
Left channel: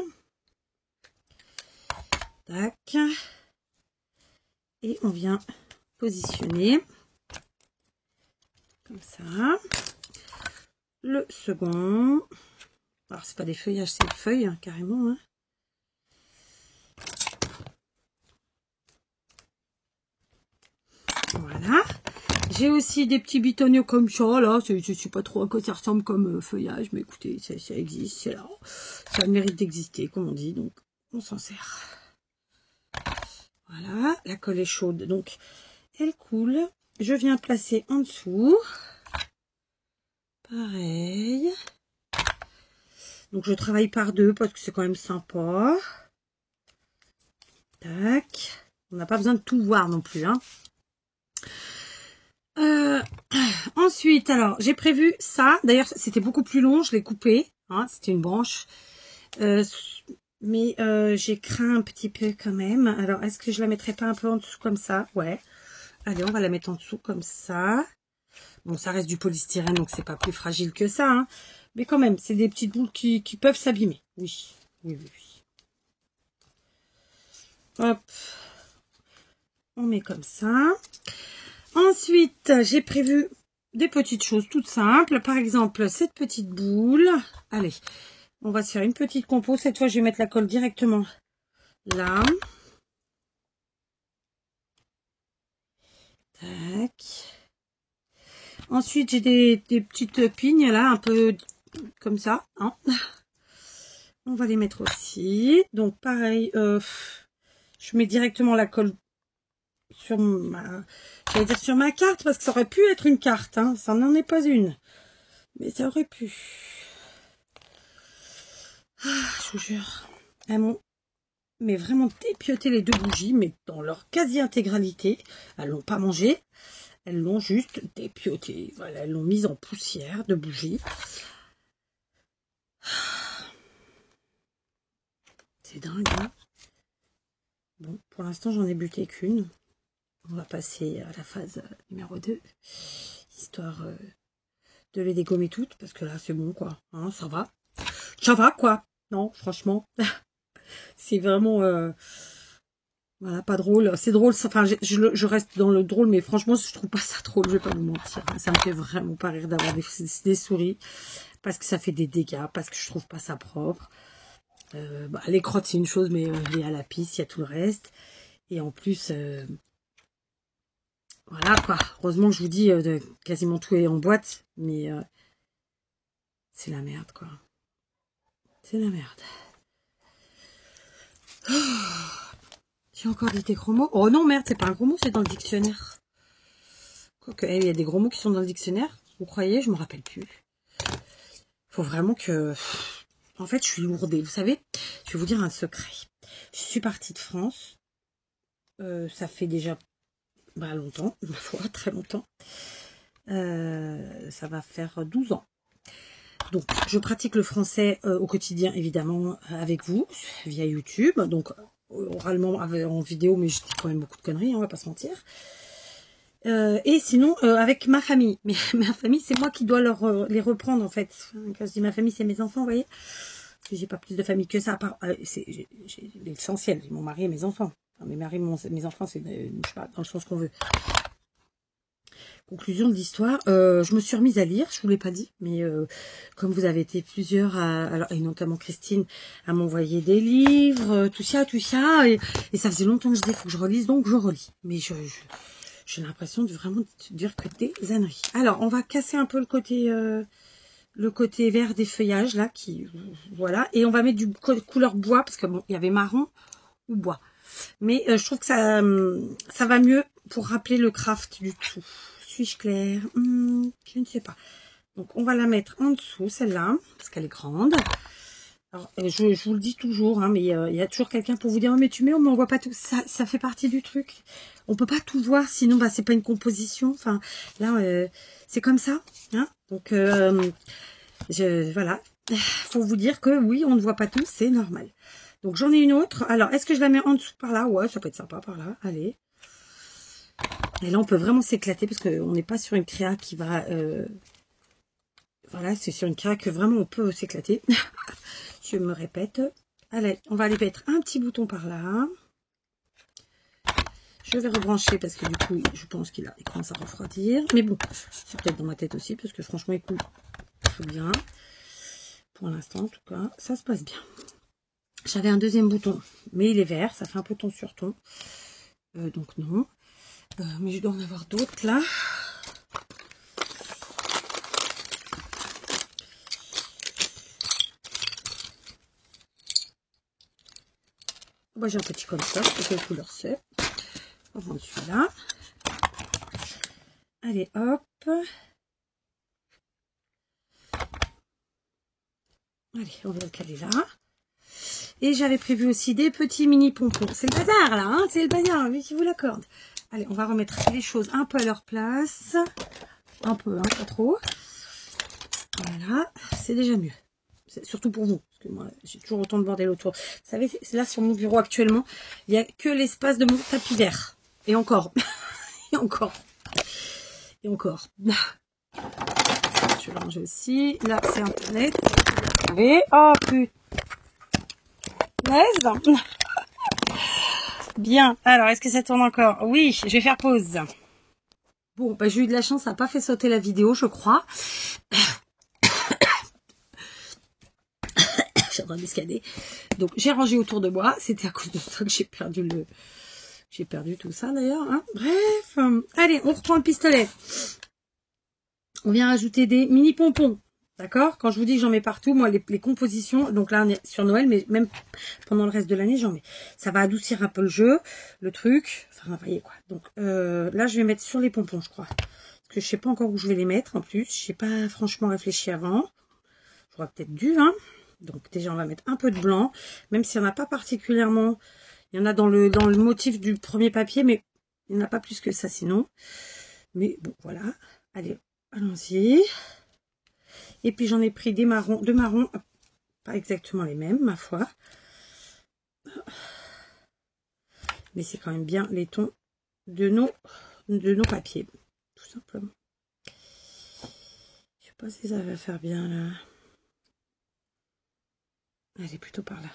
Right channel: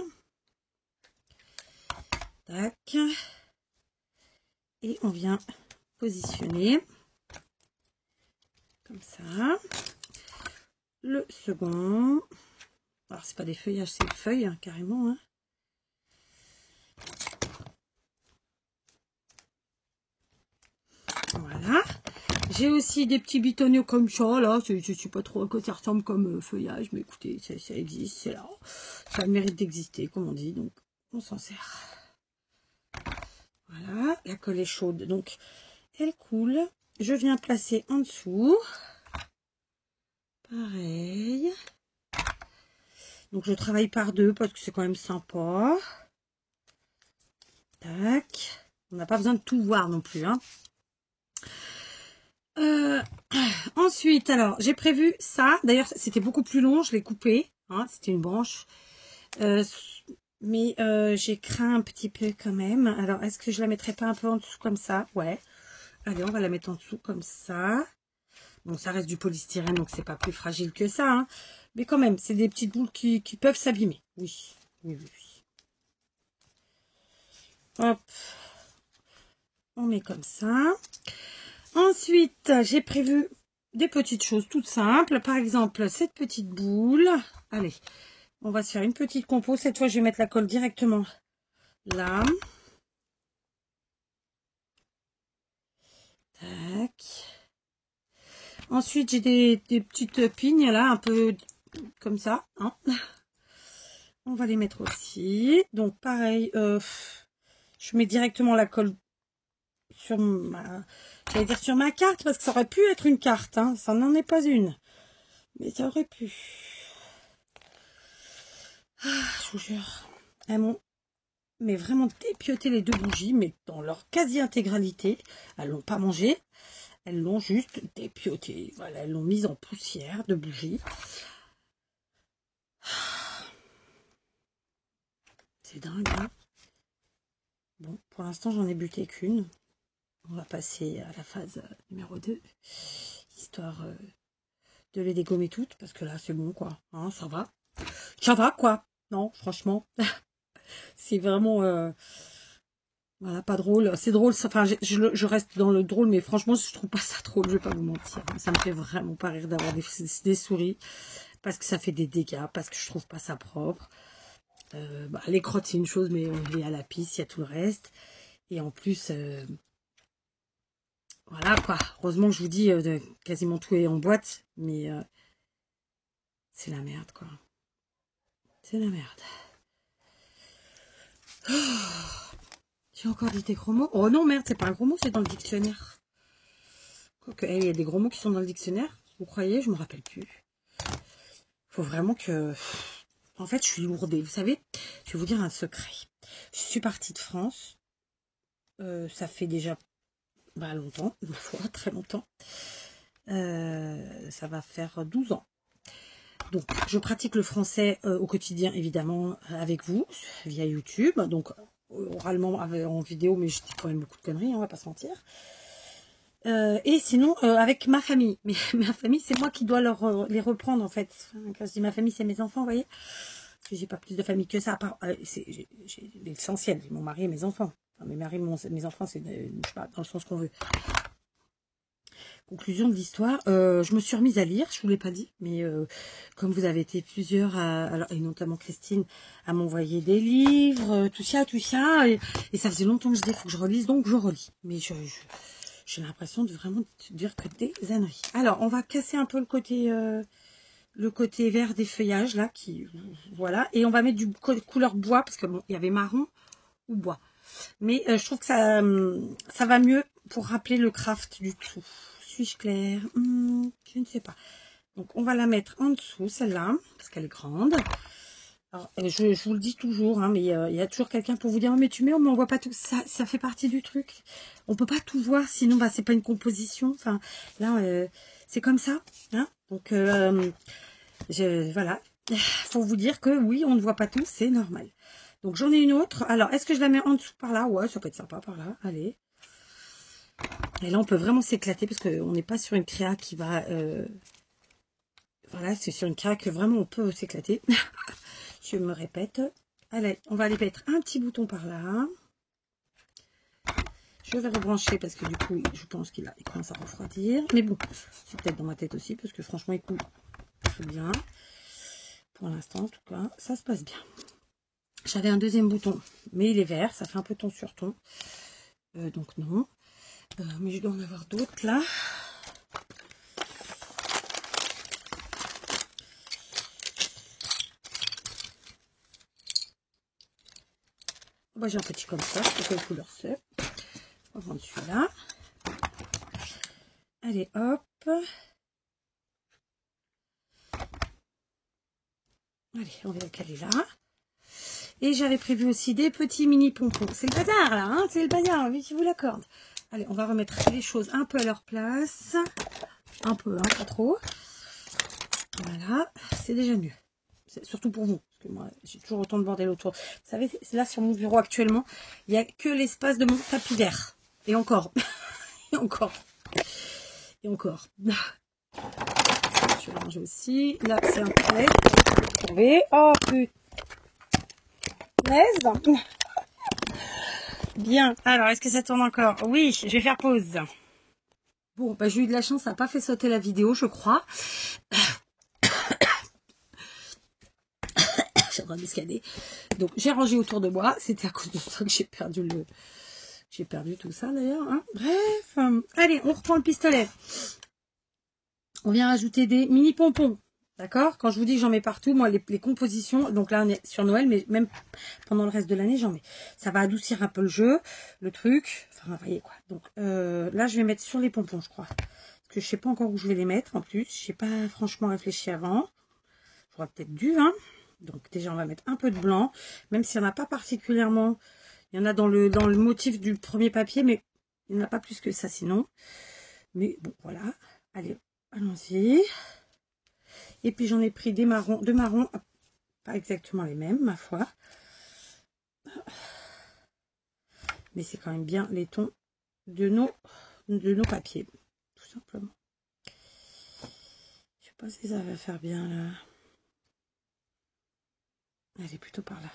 Tac. Et on vient positionner. Comme ça. Le second. Alors, c'est pas des feuillages, c'est des feuilles, hein, carrément. Hein. Voilà. J'ai aussi des petits bitonniers comme ça, là. Je ne sais pas trop à quoi ça ressemble comme feuillage, mais écoutez, ça existe, c'est là. Ça mérite d'exister, comme on dit, donc on s'en sert. Voilà, la colle est chaude, donc elle coule. Je viens placer en dessous. Pareil. Donc je travaille par deux parce que c'est quand même sympa. Tac. On n'a pas besoin de tout voir non plus, hein. Ensuite, alors, j'ai prévu ça. D'ailleurs, c'était beaucoup plus long, je l'ai coupé. Hein, c'était une branche. Mais j'ai craint un petit peu quand même. Alors, est-ce que je la mettrais pas un peu en dessous comme ça? Ouais. Allez, on va la mettre en dessous comme ça. Bon, ça reste du polystyrène, donc c'est pas plus fragile que ça. Hein. Mais quand même, c'est des petites boules qui peuvent s'abîmer. Oui. Oui, oui, oui. Hop. On met comme ça. Ensuite, j'ai prévu des petites choses toutes simples. Par exemple, cette petite boule. Allez, on va se faire une petite compo. Cette fois, je vais mettre la colle directement là. Tac. Ensuite, j'ai des petites pignes là, un peu comme ça. Hein. On va les mettre aussi. Donc, pareil, je mets directement la colle sur ma... J'allais dire sur ma carte, parce que ça aurait pu être une carte. Hein. Ça n'en est pas une. Mais ça aurait pu. Je vous jure. Elles m'ont mais vraiment dépioté les deux bougies, mais dans leur quasi-intégralité. Elles l'ont pas mangé. Elles l'ont juste dépioté. Voilà, elles l'ont mise en poussière de bougies. C'est dingue, hein. Bon, pour l'instant, j'en ai buté qu'une. On va passer à la phase numéro 2. Histoire de les dégommer toutes. Parce que là, c'est bon, quoi. Hein, ça va. Ça va, quoi. Non, franchement. C'est vraiment... voilà, pas drôle. C'est drôle. Enfin, je reste dans le drôle. Mais franchement, je trouve pas ça drôle. Je vais pas vous mentir. Ça me fait vraiment pas rire d'avoir des souris. Parce que ça fait des dégâts. Parce que je trouve pas ça propre. Les crottes, c'est une chose. Mais il y a la pisse, il y a tout le reste. Et en plus... voilà quoi, heureusement que je vous dis quasiment tout est en boîte, mais c'est la merde quoi. C'est la merde. Oh, j'ai encore des gros mots. Oh non merde, c'est pas un gros mot, c'est dans le dictionnaire. Quoique, il y a des gros mots qui sont dans le dictionnaire, vous croyez? Je me rappelle plus. Faut vraiment que... En fait, je suis lourdée, vous savez. Je vais vous dire un secret. Je suis partie de France. Ça fait déjà... longtemps, ma foi, très longtemps. Ça va faire 12 ans. Donc, je pratique le français au quotidien, évidemment, avec vous, via YouTube. Donc, oralement, en vidéo, mais je dis quand même beaucoup de conneries, on va pas se mentir. Et sinon, avec ma famille. Mais ma famille, c'est moi qui dois les reprendre, en fait. Quand je dis ma famille, c'est mes enfants, vous voyez. Parce que j'ai pas plus de famille que ça. J'ai l'essentiel, mon mari et mes enfants. Enfin, mes enfants, c'est dans le sens qu'on veut. Conclusion de l'histoire, je me suis remise à lire, je vous l'ai pas dit, mais comme vous avez été plusieurs, et notamment Christine, à m'envoyer des livres, tout ça, et ça faisait longtemps que je dis, il faut que je relise, donc je relis. Mais j'ai l'impression de vraiment dire que des âneries. Alors, on va casser un peu le côté vert des feuillages, là, voilà, et on va mettre du couleur bois, parce que bon, il y avait marron ou bois. Mais je trouve que ça va mieux pour rappeler le craft du tout. Suis-je claire? Je ne sais pas. Donc, on va la mettre en dessous, celle-là, parce qu'elle est grande. Alors, je vous le dis toujours, hein, mais il y a toujours quelqu'un pour vous dire, mais tu mets, on ne voit pas tout. Ça fait partie du truc. On peut pas tout voir, sinon, c'est pas une composition. Enfin, là, c'est comme ça. Hein. Donc, voilà. Faut vous dire que oui, on ne voit pas tout, c'est normal. Donc, j'en ai une autre. Alors, est-ce que je la mets en dessous par là? Ouais, ça peut être sympa par là. Allez. Et là, on peut vraiment s'éclater parce qu'on n'est pas sur une créa qui va... voilà, c'est sur une créa que vraiment on peut s'éclater. Je me répète. Allez, on va aller mettre un petit bouton par là. Je vais rebrancher parce que du coup, je pense qu'il commence à refroidir. Mais bon, c'est peut-être dans ma tête aussi parce que franchement, il coule très bien. Pour l'instant, en tout cas, ça se passe bien. J'avais un deuxième bouton, mais il est vert. Ça fait un peu ton sur ton. Donc non. Mais je dois en avoir d'autres là. Moi j'ai un petit comme ça, quelle couleur c'est. On va prendre celui-là. Allez hop. Allez, on va le caler là. Et j'avais prévu aussi des petits mini pompons. C'est le bazar là, hein, c'est le bazar, lui qui vous l'accorde. Allez, on va remettre les choses un peu à leur place. Un peu, hein, pas trop. Voilà, c'est déjà mieux. Surtout pour vous, parce que moi, j'ai toujours autant de bordel autour. Vous savez, là, sur mon bureau actuellement, il n'y a que l'espace de mon tapis vert. Et encore. Et encore. Et encore. Je vais ranger aussi. Là, c'est un peu... Vous voyez? Oh, putain. Bien. Alors, est-ce que ça tourne encore? Oui, je vais faire pause. Bon, bah, j'ai eu de la chance, ça n'a pas fait sauter la vidéo, je crois. J'ai le droit d'escaler. Donc, j'ai rangé autour de moi. C'était à cause de ça que j'ai perdu le... J'ai perdu tout ça, d'ailleurs. Hein. Bref. Allez, on reprend le pistolet. On vient rajouter des mini pompons. D'accord? Quand je vous dis que j'en mets partout, moi, les compositions, donc là, on est sur Noël, mais même pendant le reste de l'année, j'en mets. Ça va adoucir un peu le jeu, le truc. Enfin, vous voyez quoi. Donc, là, je vais mettre sur les pompons, je crois. Parce que je sais pas encore où je vais les mettre, en plus. Je n'ai pas franchement réfléchi avant. J'aurais peut-être dû, hein. Donc, déjà, on va mettre un peu de blanc. Même s'il n'y en a pas particulièrement. Il y en a dans le motif du premier papier, mais il n'y en a pas plus que ça, sinon. Mais bon, voilà. Allez, allons-y. Et puis j'en ai pris deux marrons, pas exactement les mêmes, ma foi. Mais c'est quand même bien les tons de nos papiers, tout simplement. Je sais pas si ça va faire bien là. Allez, plutôt par là.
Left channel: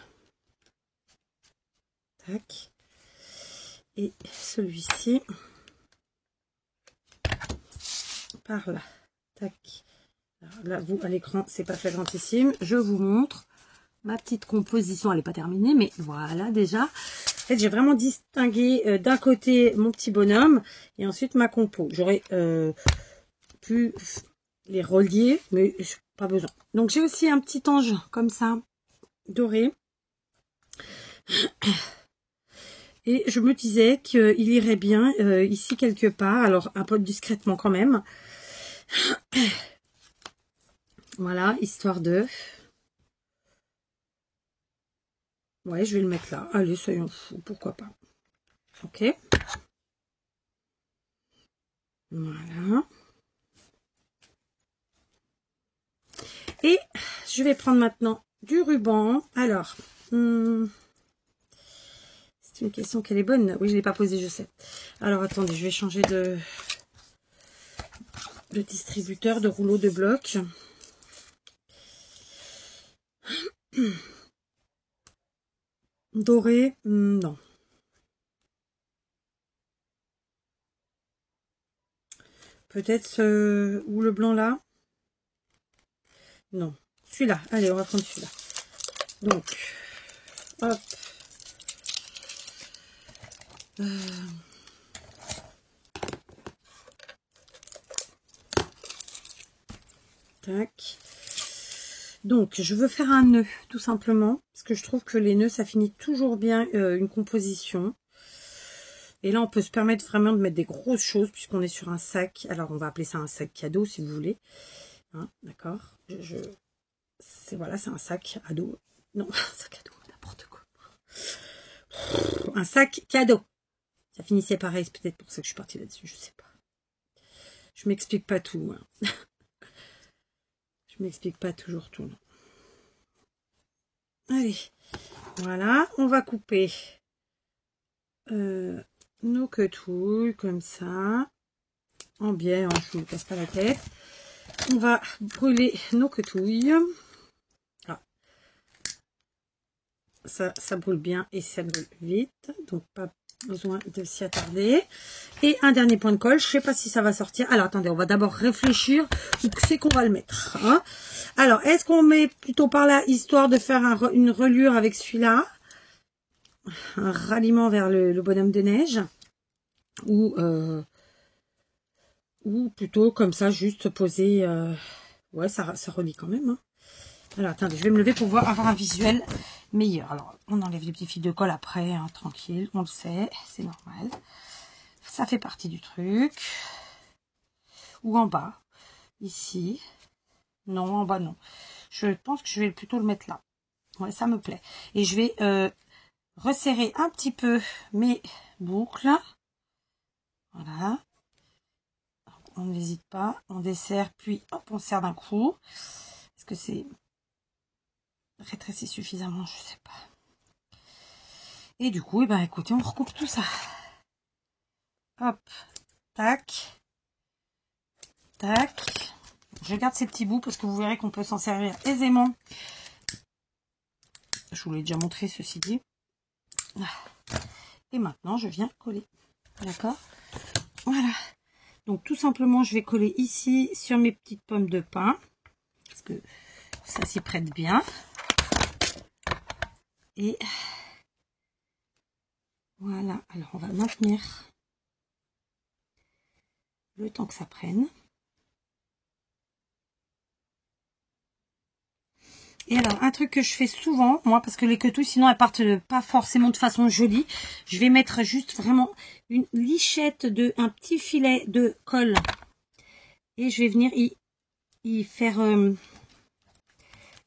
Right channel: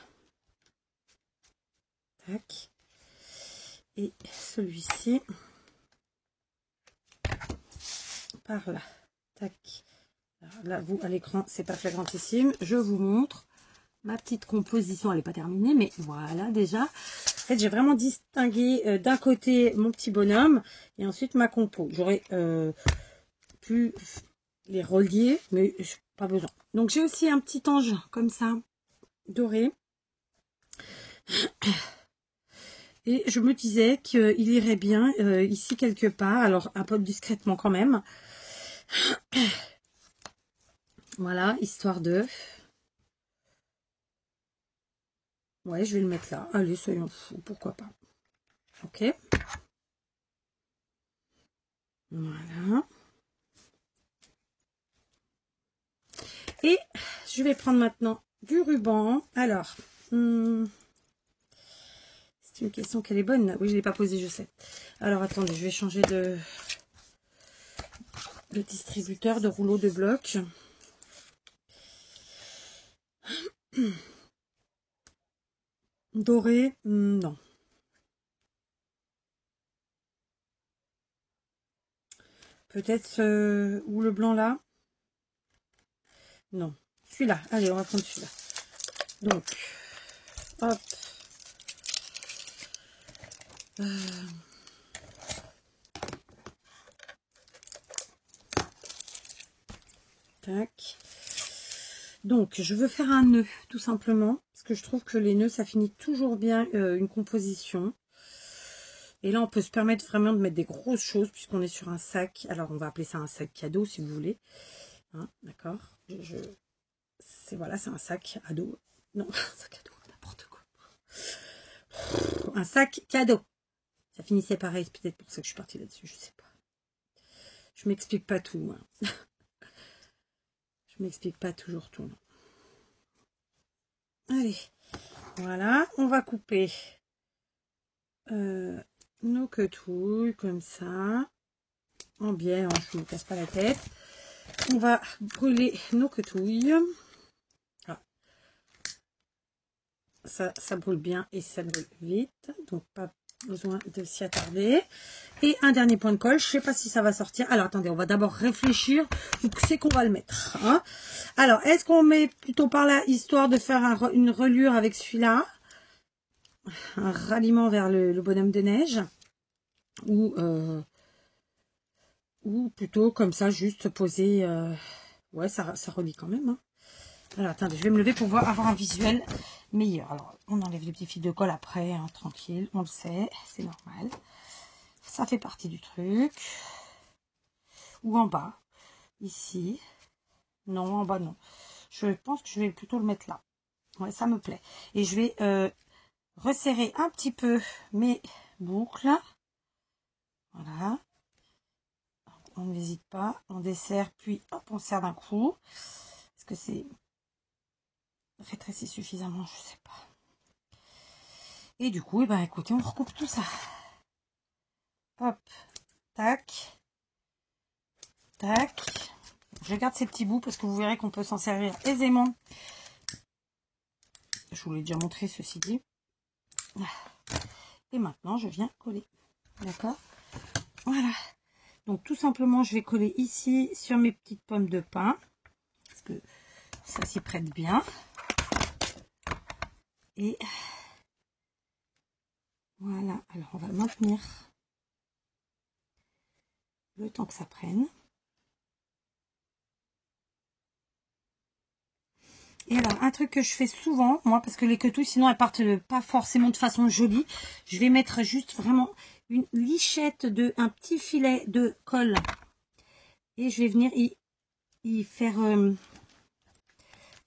Tac. Et celui-ci par là. Tac. Là, vous, à l'écran, c'est pas flagrantissime. Je vous montre ma petite composition. Elle n'est pas terminée, mais voilà, déjà. En fait, j'ai vraiment distingué d'un côté mon petit bonhomme et ensuite ma compo. J'aurais pu les relier, mais pas besoin. Donc, j'ai aussi un petit ange comme ça, doré. Et je me disais qu'il irait bien ici quelque part. Alors, un peu discrètement quand même. Voilà, histoire de... Ouais, je vais le mettre là. Allez, soyons fous, pourquoi pas. Ok. Voilà. Et je vais prendre maintenant du ruban. Alors, c'est une question qu'elle est bonne. Oui, je ne l'ai pas posée, je sais. Alors, attendez, je vais changer de distributeur, de rouleau de bloc. Doré, non. Peut-être ou le blanc là. Non. Celui-là. Allez, on va prendre celui-là. Donc, hop. Tac. Donc, je veux faire un nœud, tout simplement. Parce que je trouve que les nœuds, ça finit toujours bien une composition. Et là, on peut se permettre vraiment de mettre des grosses choses, puisqu'on est sur un sac. Alors, on va appeler ça un sac cadeau, si vous voulez. Hein, d'accord. Voilà, c'est un sac ado. Non, un sac ado, n'importe quoi. Un sac cadeau. Ça finissait pareil, c'est peut-être pour ça que je suis partie là-dessus, je sais pas. Je m'explique pas tout. Hein. Je m'explique pas toujours tout. Non. Allez, voilà, on va couper nos quetouilles comme ça. En biais, je ne me casse pas la tête. On va brûler nos quetouilles. Ah. Ça brûle bien et ça brûle vite, donc pas besoin de s'y attarder. Et un dernier point de colle, je sais pas si ça va sortir. Alors attendez, on va d'abord réfléchir où c'est qu'on va le mettre. Hein. Alors, est-ce qu'on met plutôt par là, histoire de faire une reliure avec celui-là, un ralliement vers le bonhomme de neige, ou plutôt comme ça, juste poser... ouais, ça relie quand même. Hein. Alors, attendez, je vais me lever pour avoir un visuel meilleur. Alors, on enlève les petits fils de colle après, hein, tranquille, on le sait, c'est normal. Ça fait partie du truc. Ou en bas, ici. Non, en bas, non. Je pense que je vais plutôt le mettre là. Ouais, ça me plaît. Et je vais resserrer un petit peu mes boucles. Voilà. On n'hésite pas, on dessert, puis hop, on serre d'un coup. Est-ce que c'est rétréci suffisamment? Je sais pas. Et du coup, eh ben, écoutez, on recoupe tout ça. Hop, tac, tac. Je garde ces petits bouts parce que vous verrez qu'on peut s'en servir aisément. Je vous l'ai déjà montré, ceci dit. Et maintenant, je viens coller. D'accord? Voilà. Donc, tout simplement, je vais coller ici sur mes petites pommes de pin. Parce que ça s'y prête bien. Et voilà. Alors, on va maintenir le temps que ça prenne. Et alors, un truc que je fais souvent, moi, parce que les quetouilles, sinon, elles partent pas forcément de façon jolie. Je vais mettre juste vraiment une lichette un petit filet de colle. Et je vais venir y faire,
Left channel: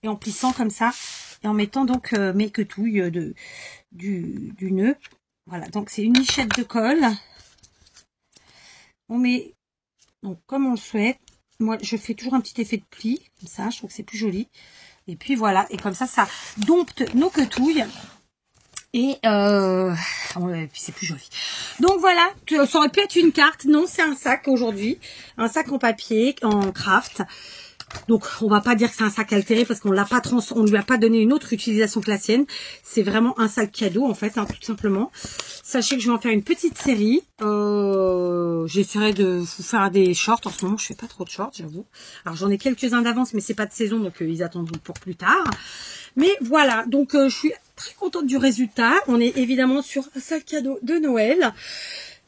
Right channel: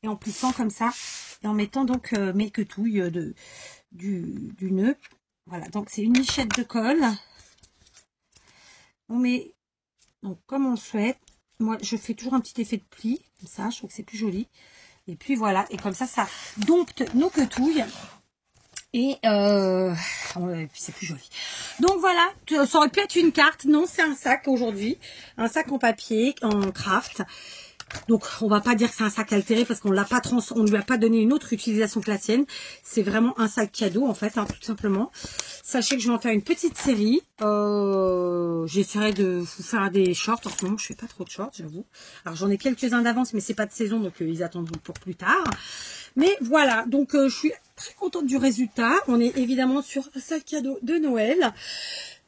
et en plissant comme ça, et en mettant donc mes quetouilles du nœud. Voilà, donc c'est une lichette de colle. On met, donc comme on le souhaite. Moi, je fais toujours un petit effet de pli, comme ça, je trouve que c'est plus joli. Et puis voilà, et comme ça, ça dompte nos quetouilles. Et puis c'est plus joli. Donc voilà, ça aurait pu être une carte. Non, c'est un sac aujourd'hui. Un sac en papier, en craft. Donc on va pas dire que c'est un sac altéré parce qu'on l'a pas on lui a pas donné une autre utilisation que la sienne. C'est vraiment un sac cadeau en fait, hein, tout simplement. Sachez que je vais en faire une petite série. J'essaierai de vous faire des shorts. En ce moment, je fais pas trop de shorts, j'avoue. Alors j'en ai quelques-uns d'avance, mais c'est pas de saison, donc ils attendront pour plus tard. Mais voilà, donc je suis très contente du résultat. On est évidemment sur un sac cadeau de Noël.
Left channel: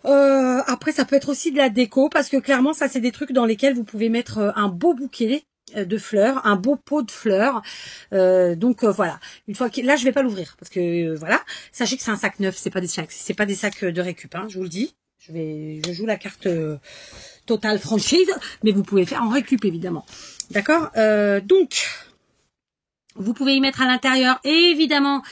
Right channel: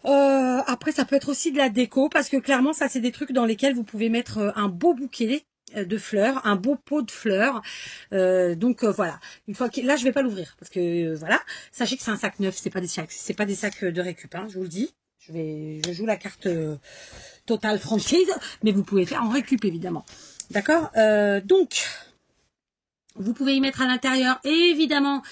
Après, ça peut être aussi de la déco parce que clairement, ça c'est des trucs dans lesquels vous pouvez mettre un beau bouquet de fleurs, un beau pot de fleurs. Donc voilà. Une fois que là, je vais pas l'ouvrir parce que voilà. Sachez que c'est un sac neuf, c'est pas des sacs de récup. Hein, je vous le dis. Je joue la carte Total franchise, mais vous pouvez faire en récup évidemment. D'accord. Donc vous pouvez y mettre à l'intérieur évidemment.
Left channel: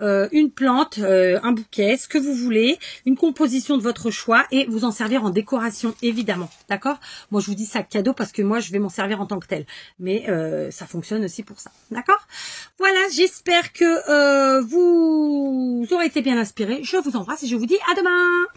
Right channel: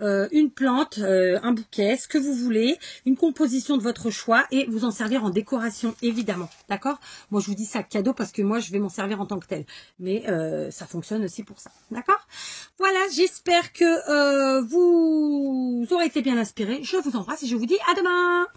Une plante, un bouquet, ce que vous voulez, une composition de votre choix et vous en servir en décoration évidemment, d'accord? Moi je vous dis sac cadeau parce que moi je vais m'en servir en tant que tel, mais ça fonctionne aussi pour ça, d'accord? Voilà, j'espère que vous aurez été bien inspirés, je vous embrasse et je vous dis à demain.